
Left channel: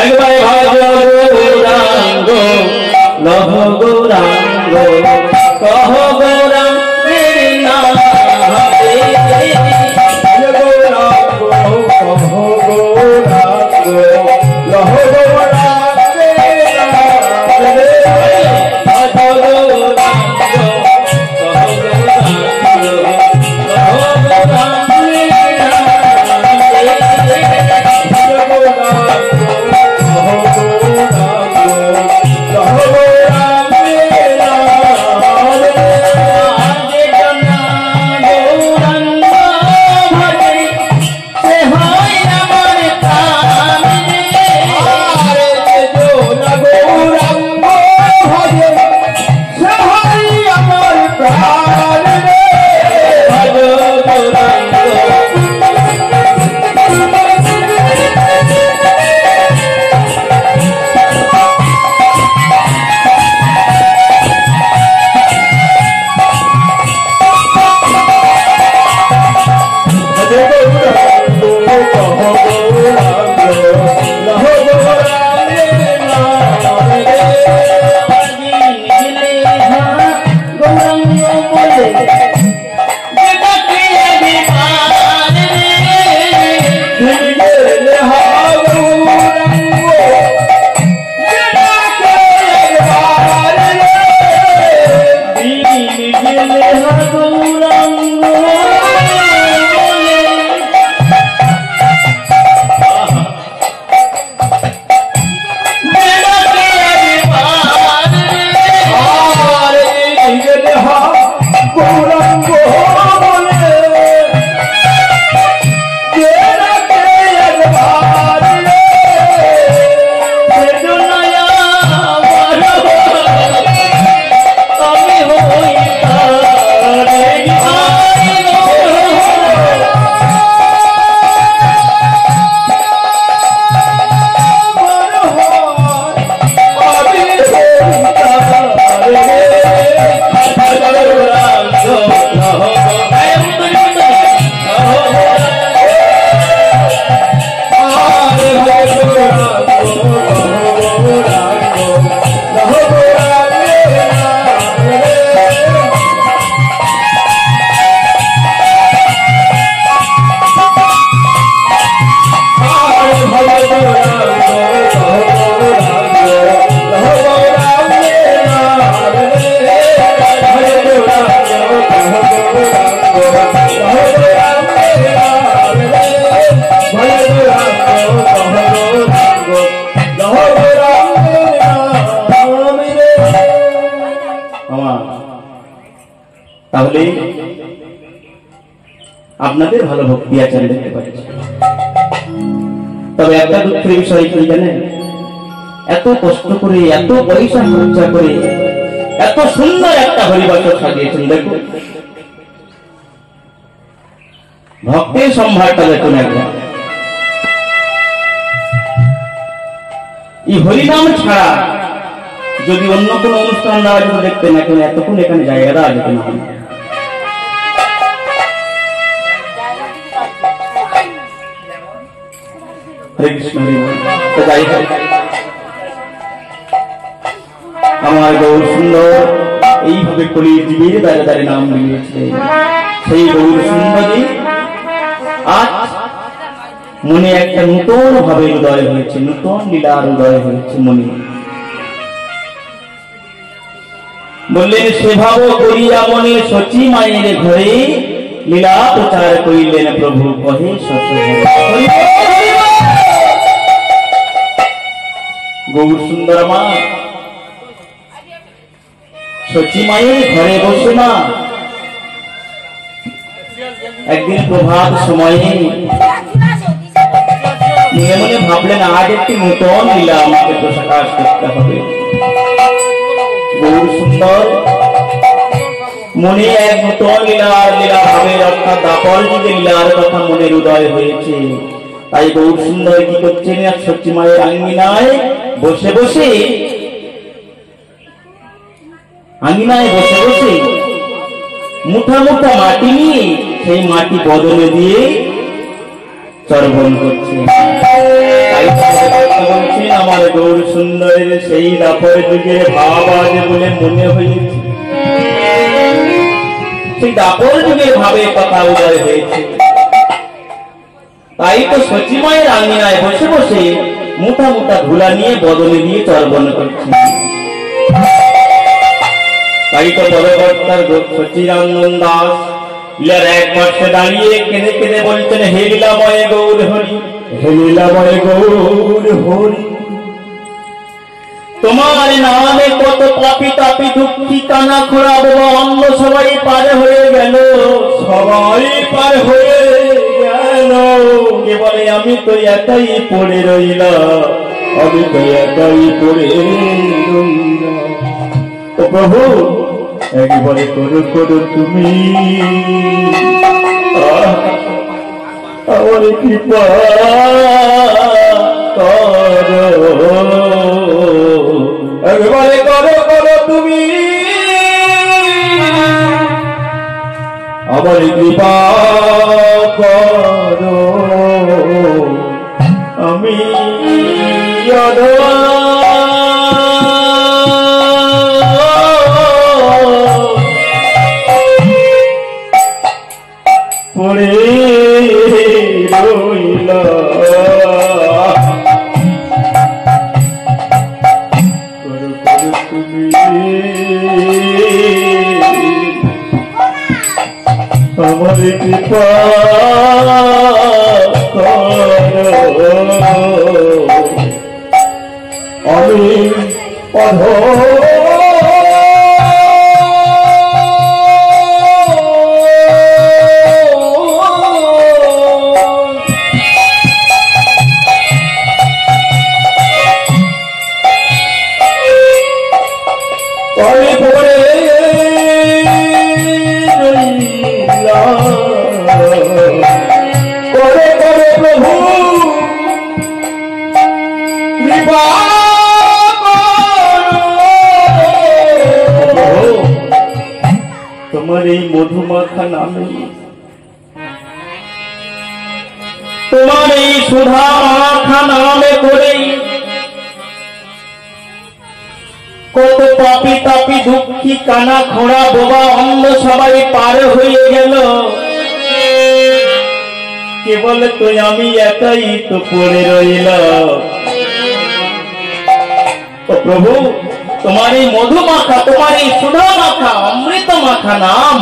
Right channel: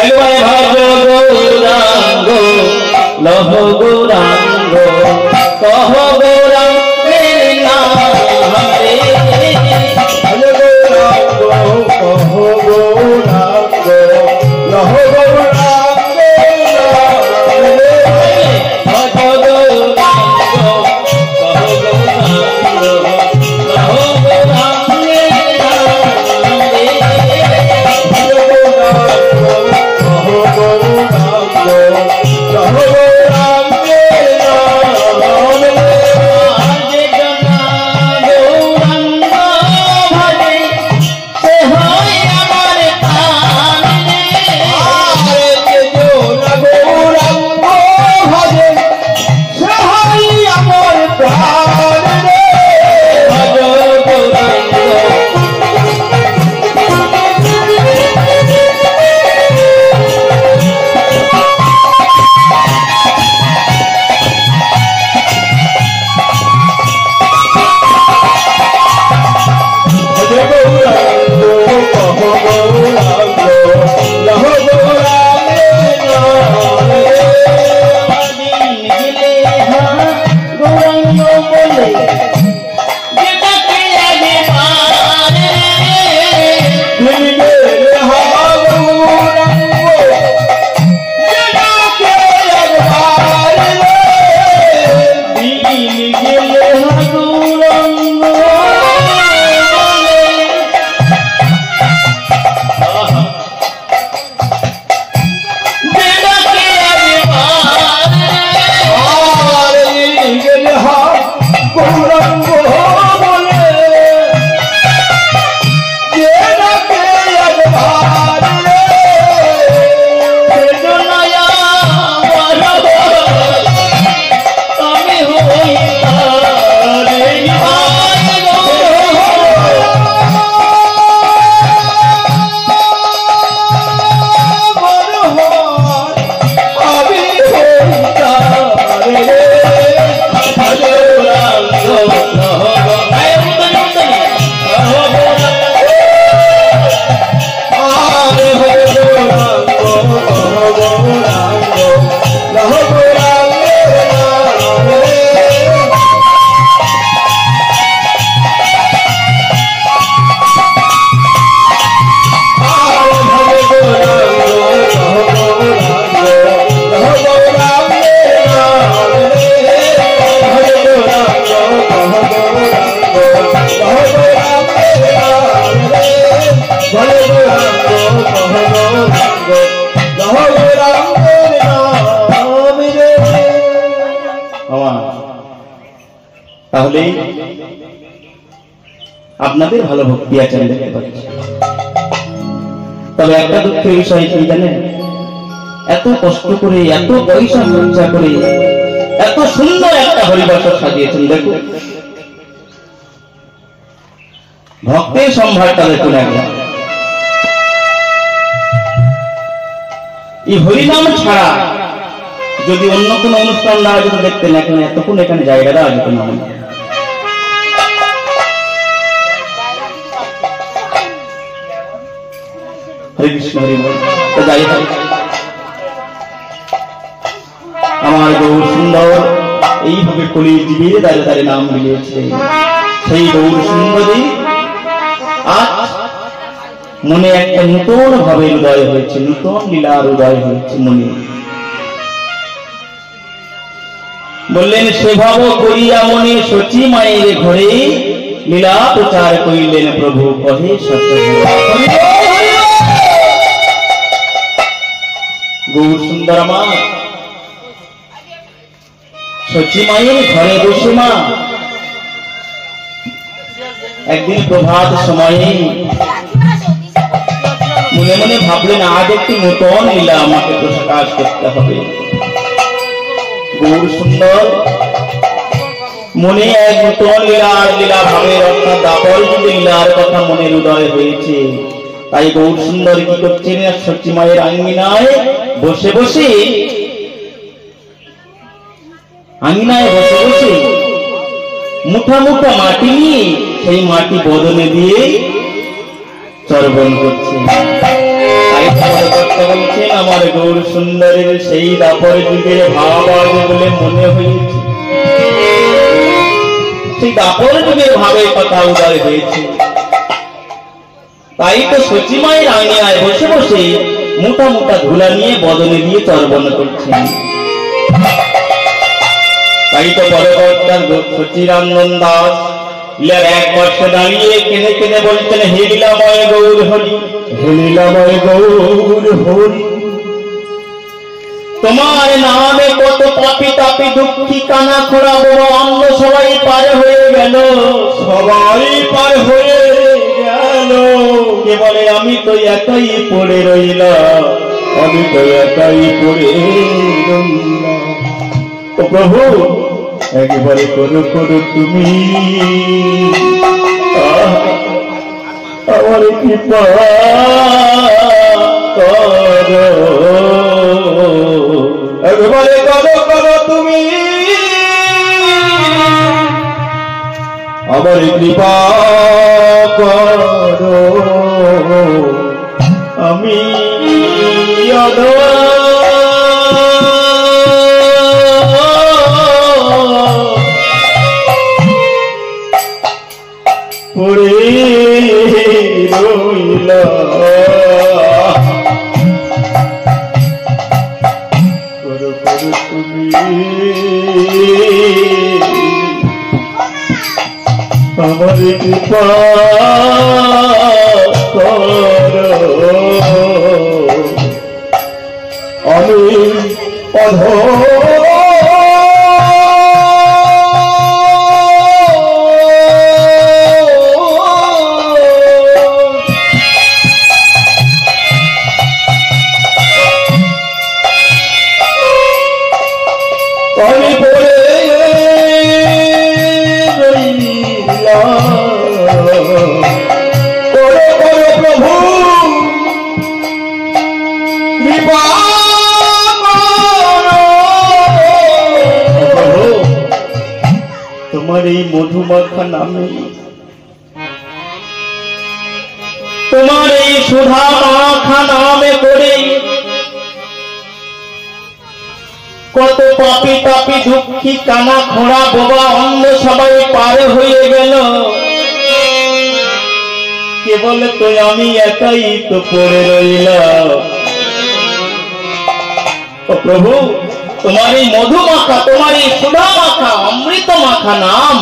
একবার ভাজ গৌরাঙ্গ লহ গৌরাঙ্গ কহ গৌরাঙ্গ তাহলে আপনাদের ভালো ভক্তি আছেন দেখতে পাচ্ছি। তবে একটা দুঃখের বিষয় কি জানেন, এত কষ্ট করে এত পয়সা খরচা করে এত সুন্দর একটা হরিবাসর সাজিয়েছেন, দেখুন ভক্তের সম্ভারটা দেখুন একবার। এই হরিনাম ছাড়া যদি অন্য কোনো অনুষ্ঠান দেওয়া যেত দেখতেন এখন এতক্ষণ এখানে জায়গা দেওয়া যেত না। হরে কৃষ্ণ হরি বল। তো যাই হোক, আমার গৌর সুন্দর এইভাবে কলি জীবের দ্বারে দ্বারে নাম মিলিয়েছে। সেই গৌর সুন্দরী আজ মনে একটা নূতন ভাবে উদয় হয়েছে, নূতন লীলার উদয় হয়েছে মনে। বললেন সেভাব করিয়া মনে সচি মায়ের ঘরে লীলা প্রচার করিলেন প্রভু কহে গৌর সুন্দর মা সচি মায়ের ঘরে বসে মা একদিন প্রভাত সময়ে মনে মনে ভাবলেন আজ একটি নূতন লীলা আমাকে প্রকাশ করতে হবে। গৌর সুন্দর মনে এক নূতন লীলা ভাবের অর্থাৎ দাপর যুগে লীলার কথা মনের উদয় হয়েছে। তাই গৌর সুন্দর কি করছেন, সচি মায়ের আঙ্গিনায় বসে বসে মুঠা মুঠা মাটি নিয়ে সেই মাটি বদলে দিয়ে চর্বণ করছে। তাই বলছেন আমার গৌর সুন্দরের সেই দাপর যুগের ভাব আছে বলে মনে হয়েছে, সেই দাপর যুগের ভাবের কথা উদয় হয়েছে। তাই তো সচি মায়ের আঙিনায় বসে বসে মোটা মোটা ধুলা নিয়ে বদলে দিয়ে চর্বণ করছে। তাই তো পরবর্তী সচিরঞ্জন দাস লীলার এক পার্শ্বে দাঁড়িয়ে কেঁদে কেঁদে বলছেন হে লীলাময় গৌর হরি, হে লীলাময় গৌর হরি, তোমার নামে কত পাপি তাপি দুঃখী কানা খোড়া বড় অন্য সবাই পার হয়ে গেল, সবাই পার হয়ে গেল, কে বলে আমি তো একাই পড়ে রইলাম, আমি তো একাই পড়ে রইলাম। ও প্রভু একবারে করো করো তুমি আমার কৃপা করো, একবারে করো করো তুমি আমার কৃপা করো, আমি পড়ে রইলাম, করো করো তুমি আমার কৃপা করো, আমি অধম তোমার এই মধুমাখা নামে, তোমার এই সুধা মাখা নামে করে কত পাপি তাপি দুঃখী কানা খোড়া বোবা অন্ধ সবাই পার হয়ে গেল, কেবল তো আমি একাই তো পড়ে রইলাম। ও প্রভু তোমার এই মধু মাখা, তোমার এই সুধা মাখা অমৃত মাখা নাম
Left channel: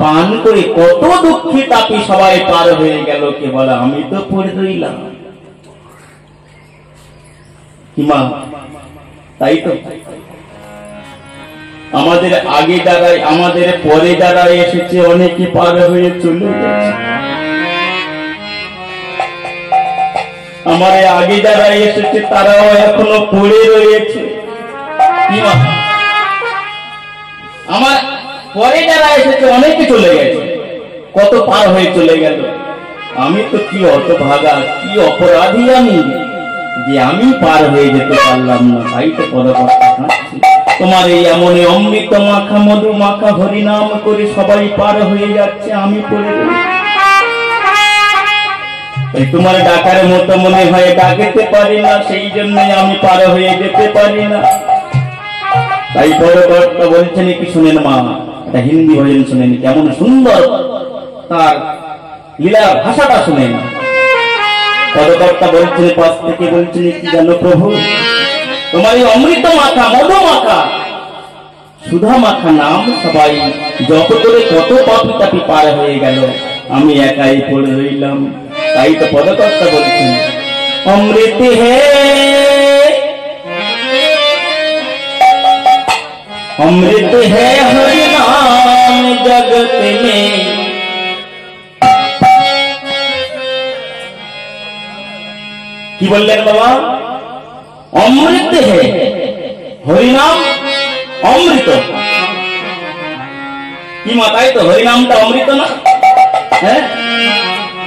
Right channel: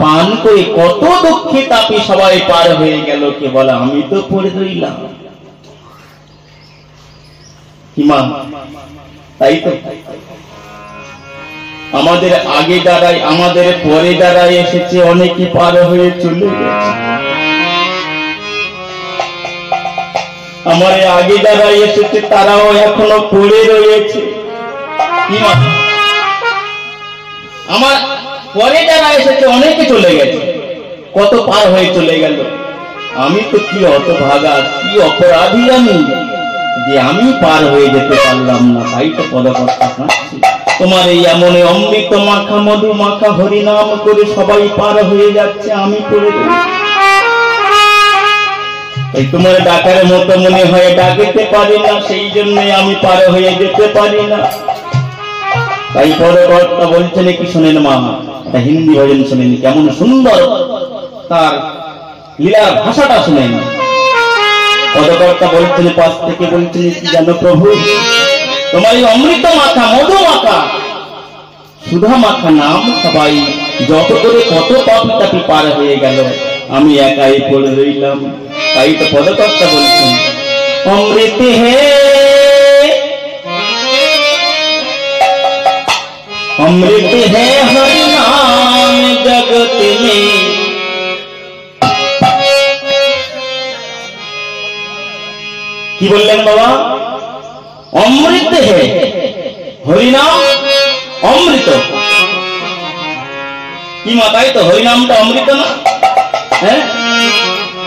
পান করে কত দুঃখী তাপি সবাই পার হয়ে গেল, কেবল আমি তো পড়ে রইলাম। কিমা তাই তো আমাদের আগে যারাই আমাদের পরে যারা এসেছে অনেকে পার হয়ে চলে গেছে, আমার আগে যারা এসেছে তারাও এখনো পড়ে রয়েছে। আমার পরে যারা এসেছে অনেকে চলে গেছে, কত পার হয়ে চলে গেল, আমি তো কি অত ভাগা, কি অপরাধী আমি, যে আমি পার হয়ে যেতে পারলাম না, তাই তো পদকর্তা কাঁদছে। তোমার এই এমন অমৃত মাখা মধু মাখা হরিনাম করে সবাই পার হয়ে যাচ্ছে, আমি পড়ে রয়েছি। এই তোমার ডাকার মতো মনে হয় ডাকিতে পারি না, সেই জন্যই আমি পার হয়ে যেতে পারি না। তাই পদকর্তা বলছেন কি শুনেন মা, এটা হিন্দি ভজন শুনেন, কেমন সুন্দর তার লীলার ভাষাটা শুনেন। পদকর্তা বলছেন পাশ থেকে, বলছেন কি জানো প্রভু, তোমার এই অমৃত মাখা মধু মাখা সুধা মাখা নাম সবাই যত করে কত পাপি তাপি পার হয়ে গেল, আমি একাই পড়ে রইলাম। তাই তো পদকর্তা বলছেন অমৃত হে अमृत है हरि नाम जगत में, की बोललेन बाबा, अमृत है हरिनाम अमृत की माताई तो हरिनामটা अमृत ना है।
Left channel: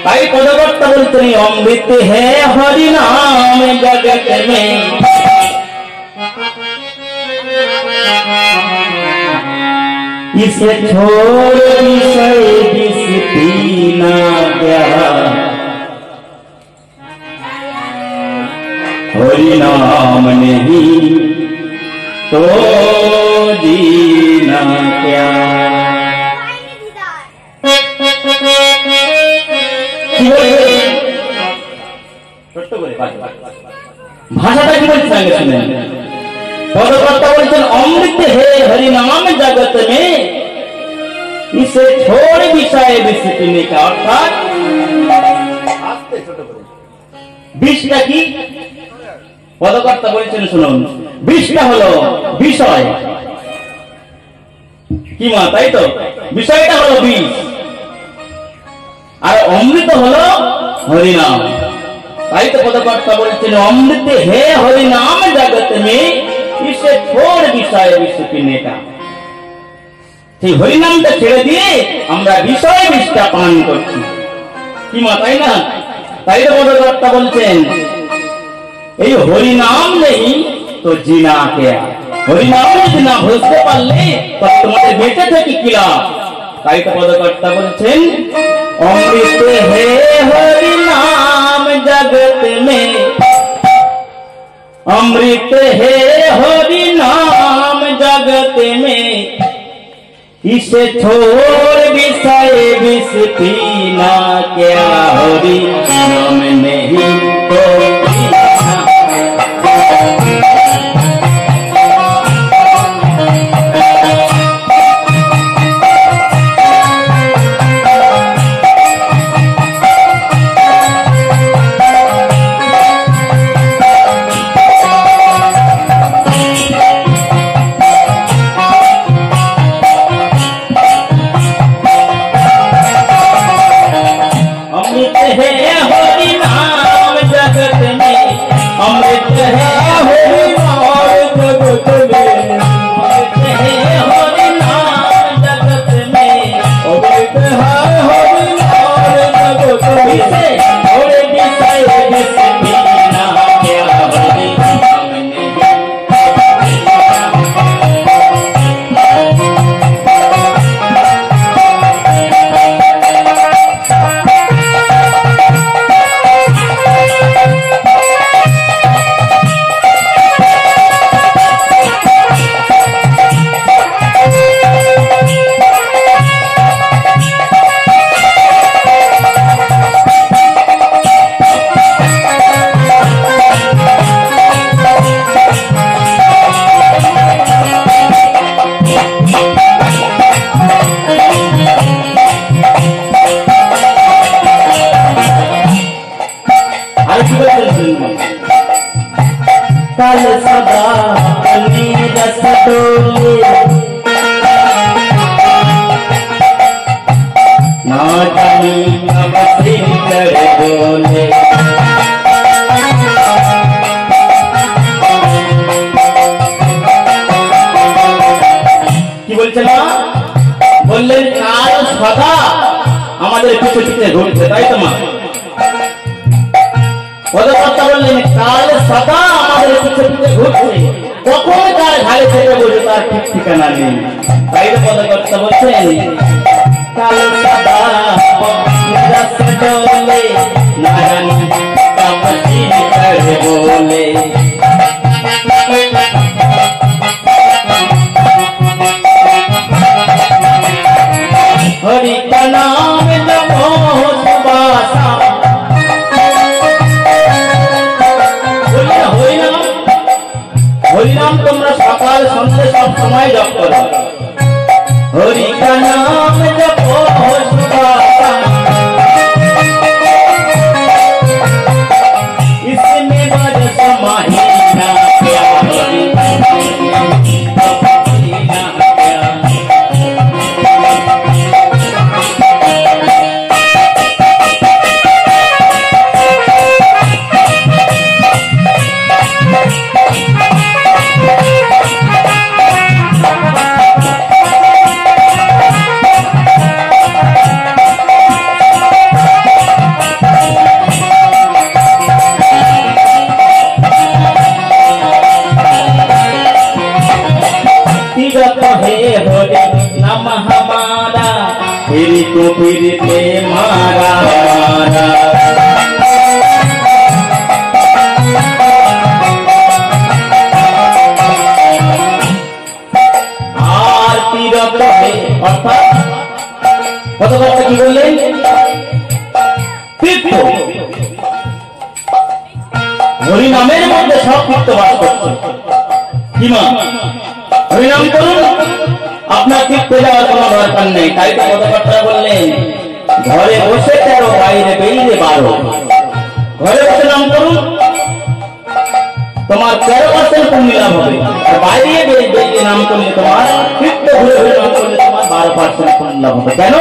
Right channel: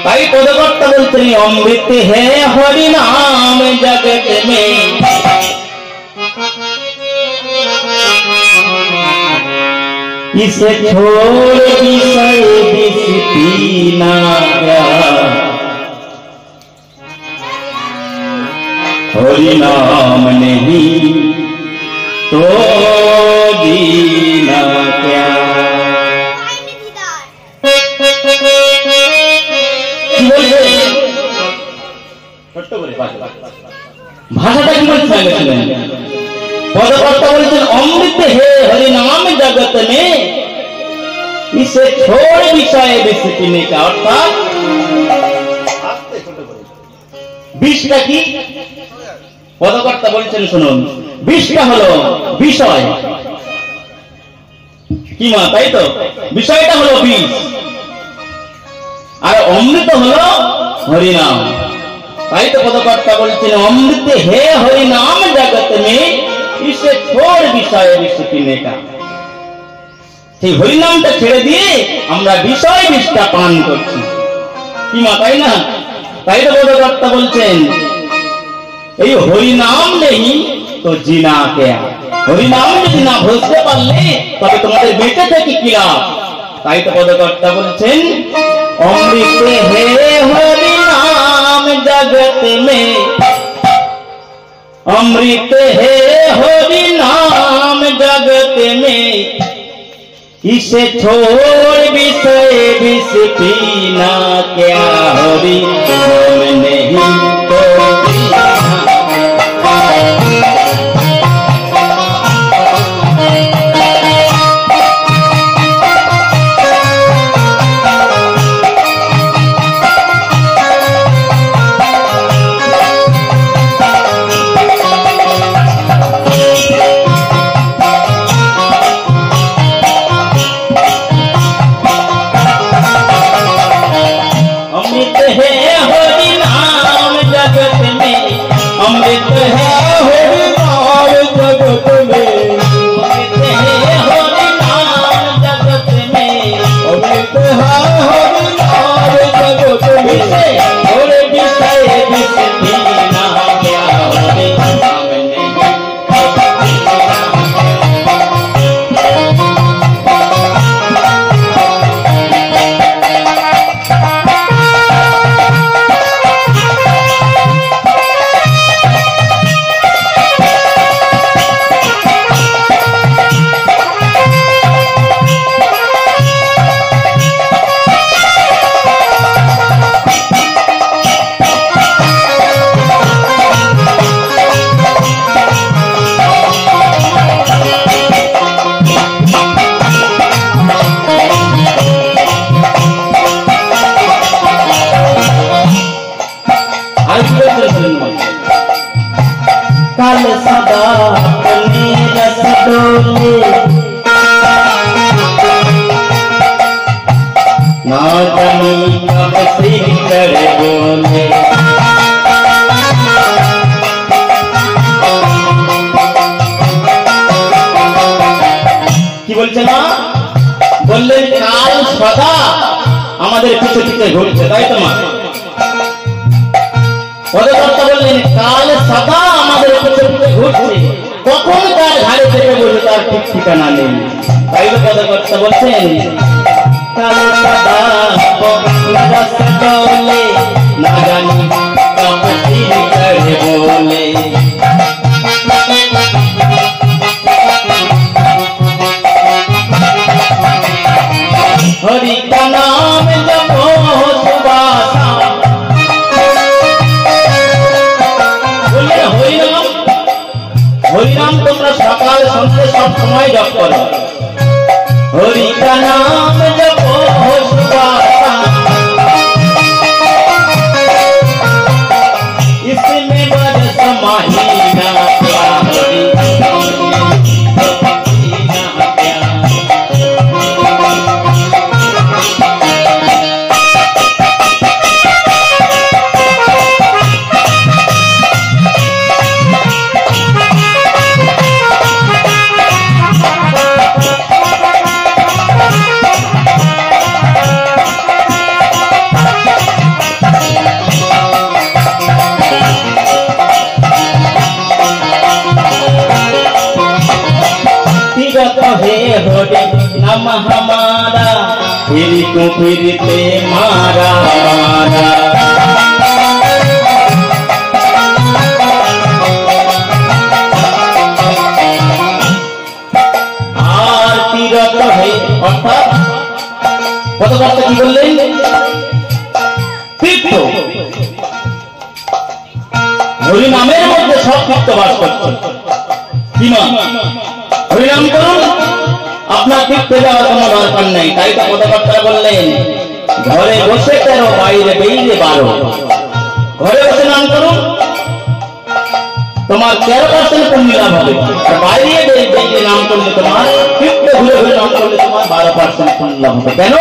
তাই পদকর্তা বলছেন अमृत है हरि नाम जगत में, इसे छोड़ विषय विष पीना क्या, हरि नाम नहीं तो जीना क्या। ভাষাটা কি বলছেন শুনেন। पदकर्ता बोलते अमृत है हरि नाम जगत में, इसे छोड़ विषय विष पीने का, अर्थात বিষটা কি পদকর্তা বলছেন শুনুন। বিষটা হলো বিষয় কি মা, তাই তো বিষয়টা হলো বিষ, আর অমৃত হলো হরিনাম। তাই তো পদকর্তা বলছেন অমৃত হে হরিনাম জগত में, इसे छोड़ विषय विष पीने का, সেই হরিনামটা ছেড়ে দিয়ে আমরা বিষয় বিষটা পান করছি কি মা, তাই না। তাই তো পদকর্তা বলছেন এই হরিনাম নেই তো জিনা কেয়া, হরিনাম যদি না বুঝতে পারলে তবে তোমাদের বেঁচে থেকে কি লাভ। তাই তো পদকর্তা বলছেন অমৃত হে হরিনাম জগত মে, अमृत है हरि नाम जगत में, इसे छोड़ विषय विष पीना क्या, हरि नाम नहीं तो সদা আমাদের পিছে পিছে ঘুরছে, কখন তার ঘাড়ে চেপে বসে তার ঠিক ঠিকানা নেই। তাই তো পদকর্তা বলছেন, কাল সদা রাস্তা চলে না জানি কাপড়ি করে বলে। हरि का नाम जपो सुबासा, बोलिए हरि नाम तुम्हारा सकाल संध्या सब समय जप करो। हरि का नाम जपो सुबासा, इसमें बरस महीना प्यार। हमारा फिर तो फिरते मारा मारा। आरती रत है अर्थात पदकर्ता की बोलें तीर्थ हरि नामेर मध्य सब तीर्थ बास करছে। কিমা হরি নাম করুন, আপনার তীর্থ যাওয়ার কোনো দরকার নেই। তাই তো পদকর্তা বললেন, ঘরে বসে 13 বাইরে বেরিয়ে 12। ঘরে বসে নাম করুন, তোমার 13% পুণ্য লাভ হবে, আর বাইরে বেরিয়ে নাম করলে তোমার তীর্থ ঘুরে ঘুরে নাম করলে তোমার 12% পুণ্য লাভ হবে। কেন?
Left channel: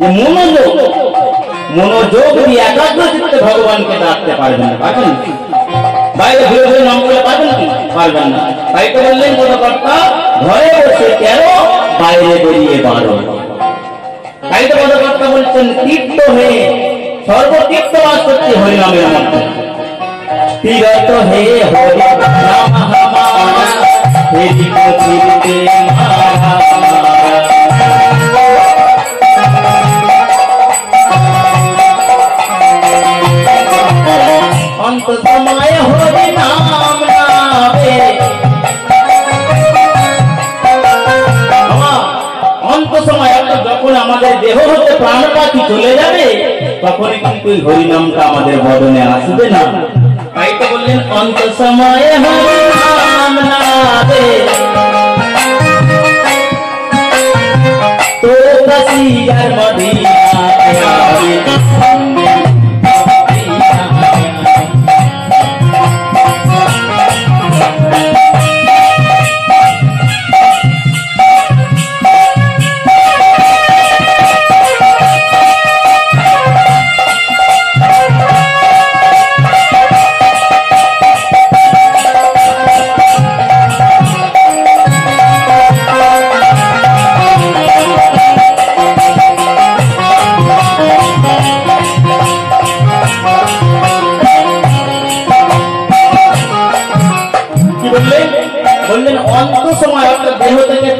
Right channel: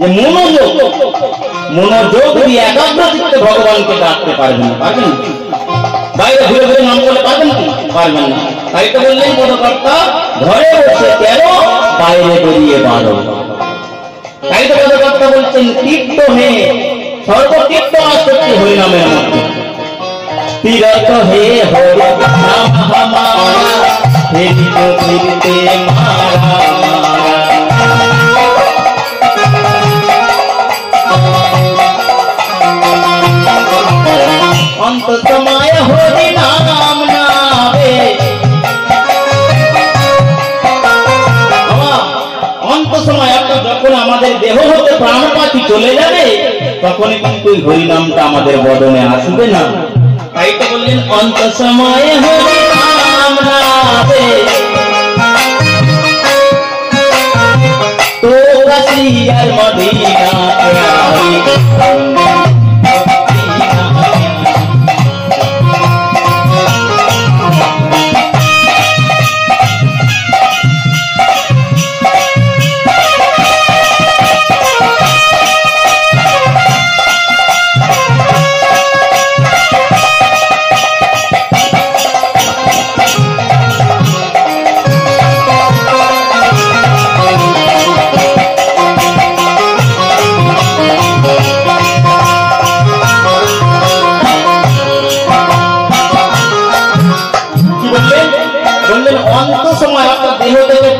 যে মনোযোগ দিয়ে একাগ্র চিত্তে ভগবানকে ডাকতে পারবেন না, পারবেন না। বাইরে ঘুরে ঘুরে নাম করলে পারবেন না, পারবেন না। তাই তো বললেন পদকর্তা, ঘরে বসে 13 বাইরে বেরিয়ে 12। তাই তো পদকর্তা বলছেন, তীর্থ হে সর্বতীর্থ বাস করছে হরি নামের মধ্যে। তীরথ হে হরি নাম हमारा फिर तो फिरते मारा मारा। अंत समय हरि नाम नावे, अंत समय যখন আমাদের দেহ হতে প্রাণপাতি চলে যাবে তখন কিন্তু হরি নামটা আমাদের বদনে আসবে না। তাই তো বললেন, অন্ত সময়ে হরি নাম নামে তো কাশিয়ার মদিনা।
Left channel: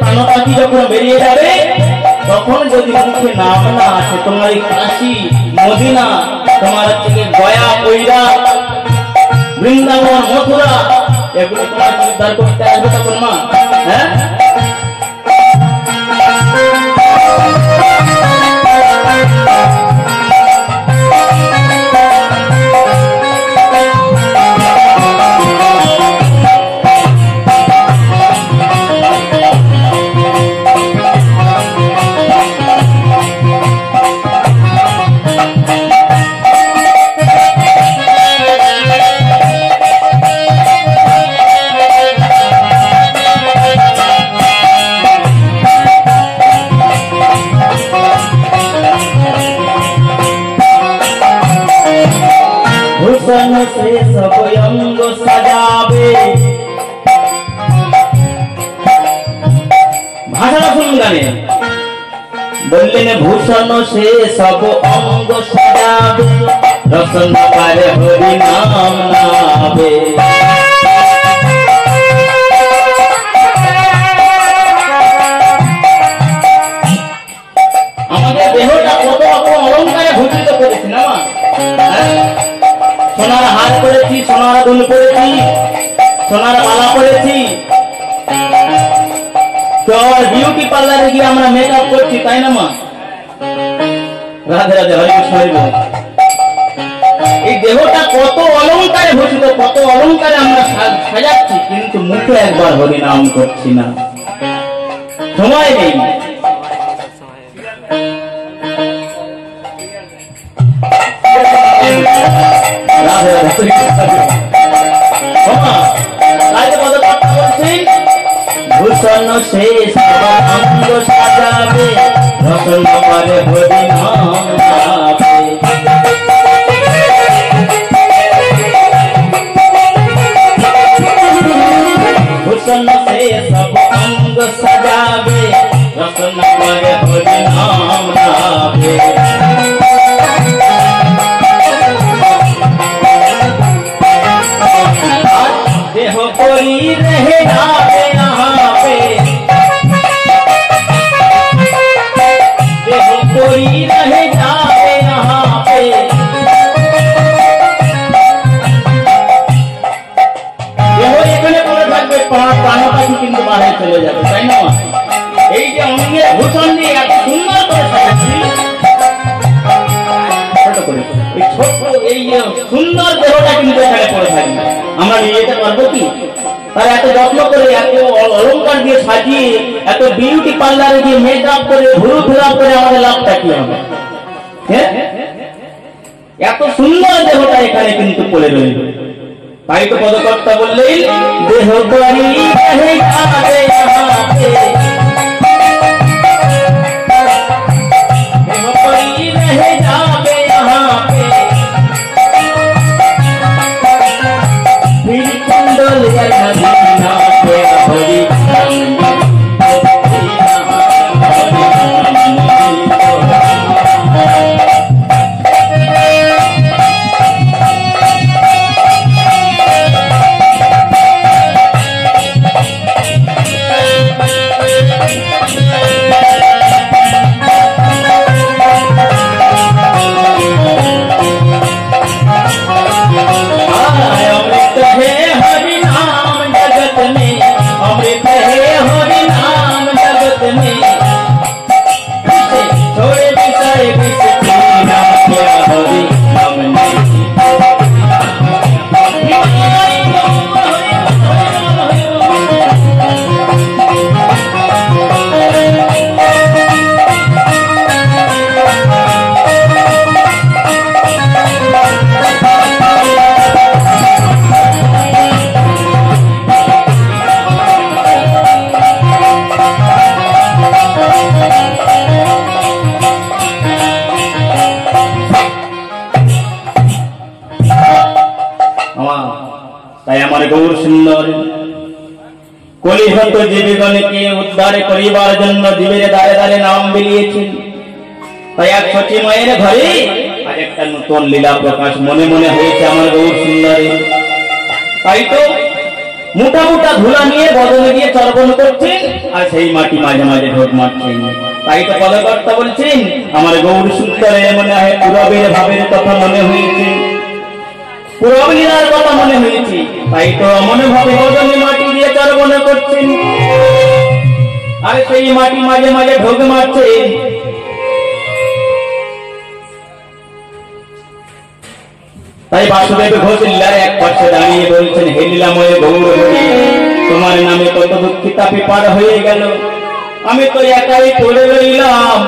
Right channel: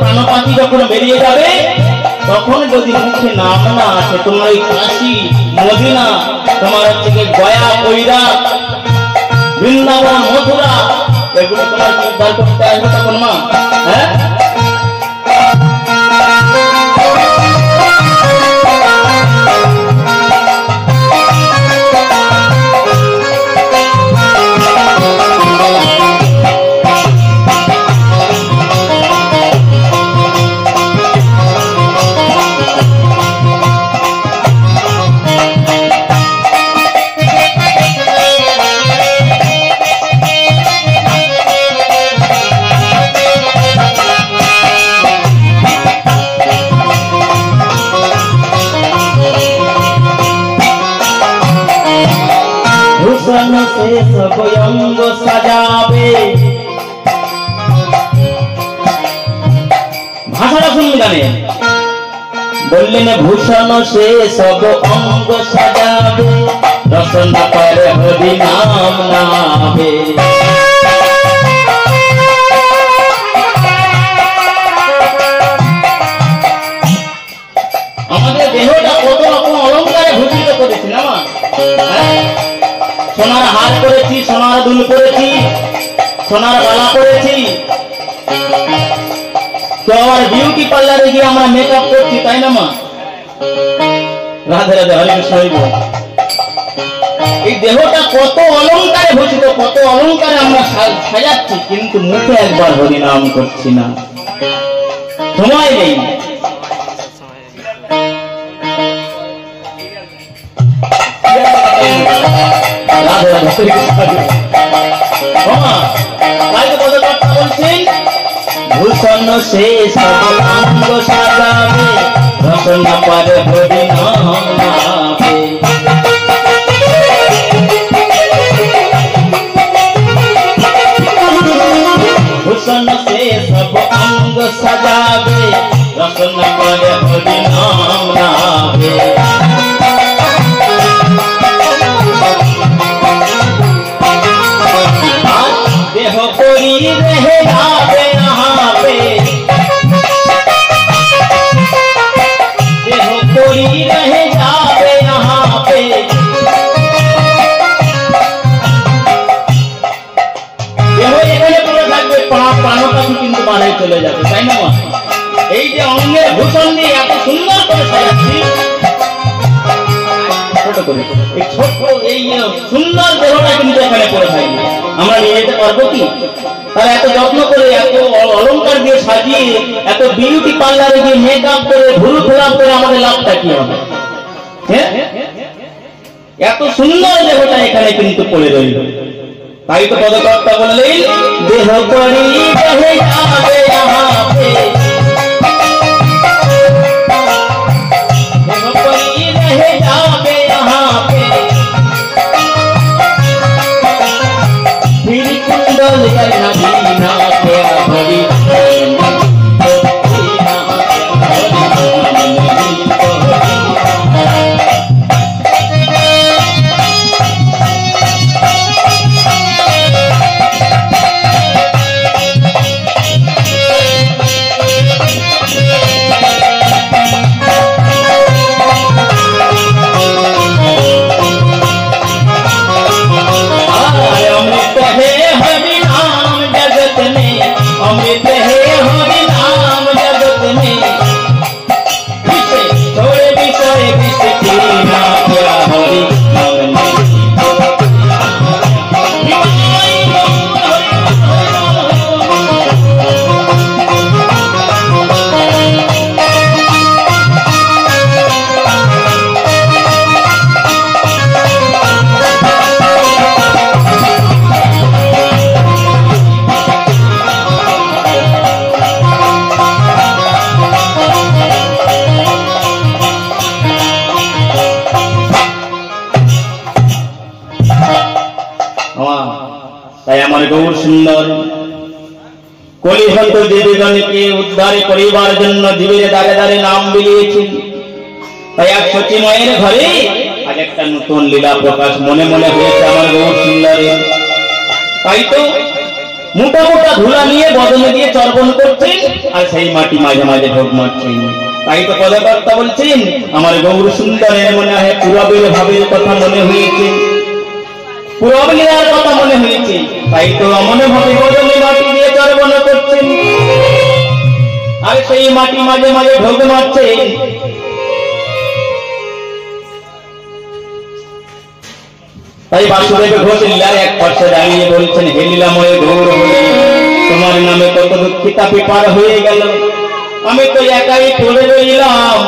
প্রাণপাতি যখন বেরিয়ে যাবে তখন যদি মুখে নাম না আসে, তোমার ওই কাশী মদিনা, তোমার থেকে গয়া কৈরা বৃন্দাবন মথুরা এগুলো তোমার উদ্ধার করতে আসবে তখন মা। হ্যাঁ, से सब अंग सजावे। भाषा सुन गाने बोलने भूषण से सब अंग सजावे, রসন পারে হরি নাম নামে। আমাদের দেহটা কত রকম অলঙ্কারে ভূষিত করেছি না মা? সোনার হার করেছি, সোনার দুল করেছি, সোনার মালা করেছি, তো আমার বিউটি পার্লারে গিয়ে আমরা মেকআপ করছি, তাই না মা? রাধে রাধে, হরে কৃষ্ণ হরি বল। এই দেহটা কত অলঙ্কারে ভূষিত, কত অলঙ্কারে আমরা সাজাচ্ছি, কিন্তু মুখে একবার হরি নাম করছি না, সময় নেই। রাধে রাধে, তাই তো কত কথা বলছেন, ভূষণ সে সর্বাঙ্গ সাজাবে, রসন পারে হরি নাম নামে। ভূষণ সে সর্বাঙ্গ সাজাবে, রসন পারে হরি নাম নামে। देह कोई रहे आवे यहाँ पे, देह कोई रहे जावे यहाँ पे, देह এখানে পড়ে থাকবে, প্রাণ পাখি কিন্তু বাড়ে চলে যাবে, তাই না? এই যে অঙ্গের ভূষণ দিয়ে এত সুন্দর করে সাজাচ্ছি, এই ছোট্ট এই সুন্দর দেহটা কিন্তু এখানে পড়ে থাকবে, আমরা নিয়ে যেতে পারবো কি? তার এত যত্ন করে, এত অলঙ্কার দিয়ে সাজিয়ে, এত বিউটি পার্লারে গিয়ে মেকআপ করে, ভুরু ফেরাপ করে আমাদের লাভটা কি হবে? এত সুন্দর দেহটা এখানে কিন্তু পড়ে রইল। তাই তো পদকর্তা বললেন, দেহ করি রহে যাবে यहाँ पे, দেহ করি রহে যাবে यहाँ पे, फिर कुंडल या नबीना के हरि গৌর সুন্দর কলিহত জীবজনকে উদ্ধারে করিবার জন্য জীবের দ্বারে দ্বারে নাম বিলিয়েছেন। তাই এক সচিময়ের ঘরে আজ একটা নতুন লীলা প্রকাশ মনে মনে হয়েছে আমার গৌর সুন্দরের। তাই তো মোটা মোটা ধুলা নিয়ে বদনে দিয়ে চর্বণ করছেন, আর সেই মাটি মাঝে মাঝে ঢোক মারছেন। তাই তো পদকর্তা বলছেন, আমার গৌর সুন্দরের মনে হয় পূরবের ভাবের কথা মনে হয়েছে, পূরব লীলার কথা মনে হয়েছে। তাই তো মনে ভাবে বদনে মাটি দিয়ে চর্বণ করছেন, আর সেই মাটি মাঝে মাঝে ঢোক মারছেন। তাই বাসুদেব ঘোষ লীলার এক পাশে দাঁড়িয়ে বলছেন, হে লীলাময় গৌর হরি, তোমার নামে কত দুঃখিতা পার হয়ে গেল, আমি তো একাই পড়ে রইলাম,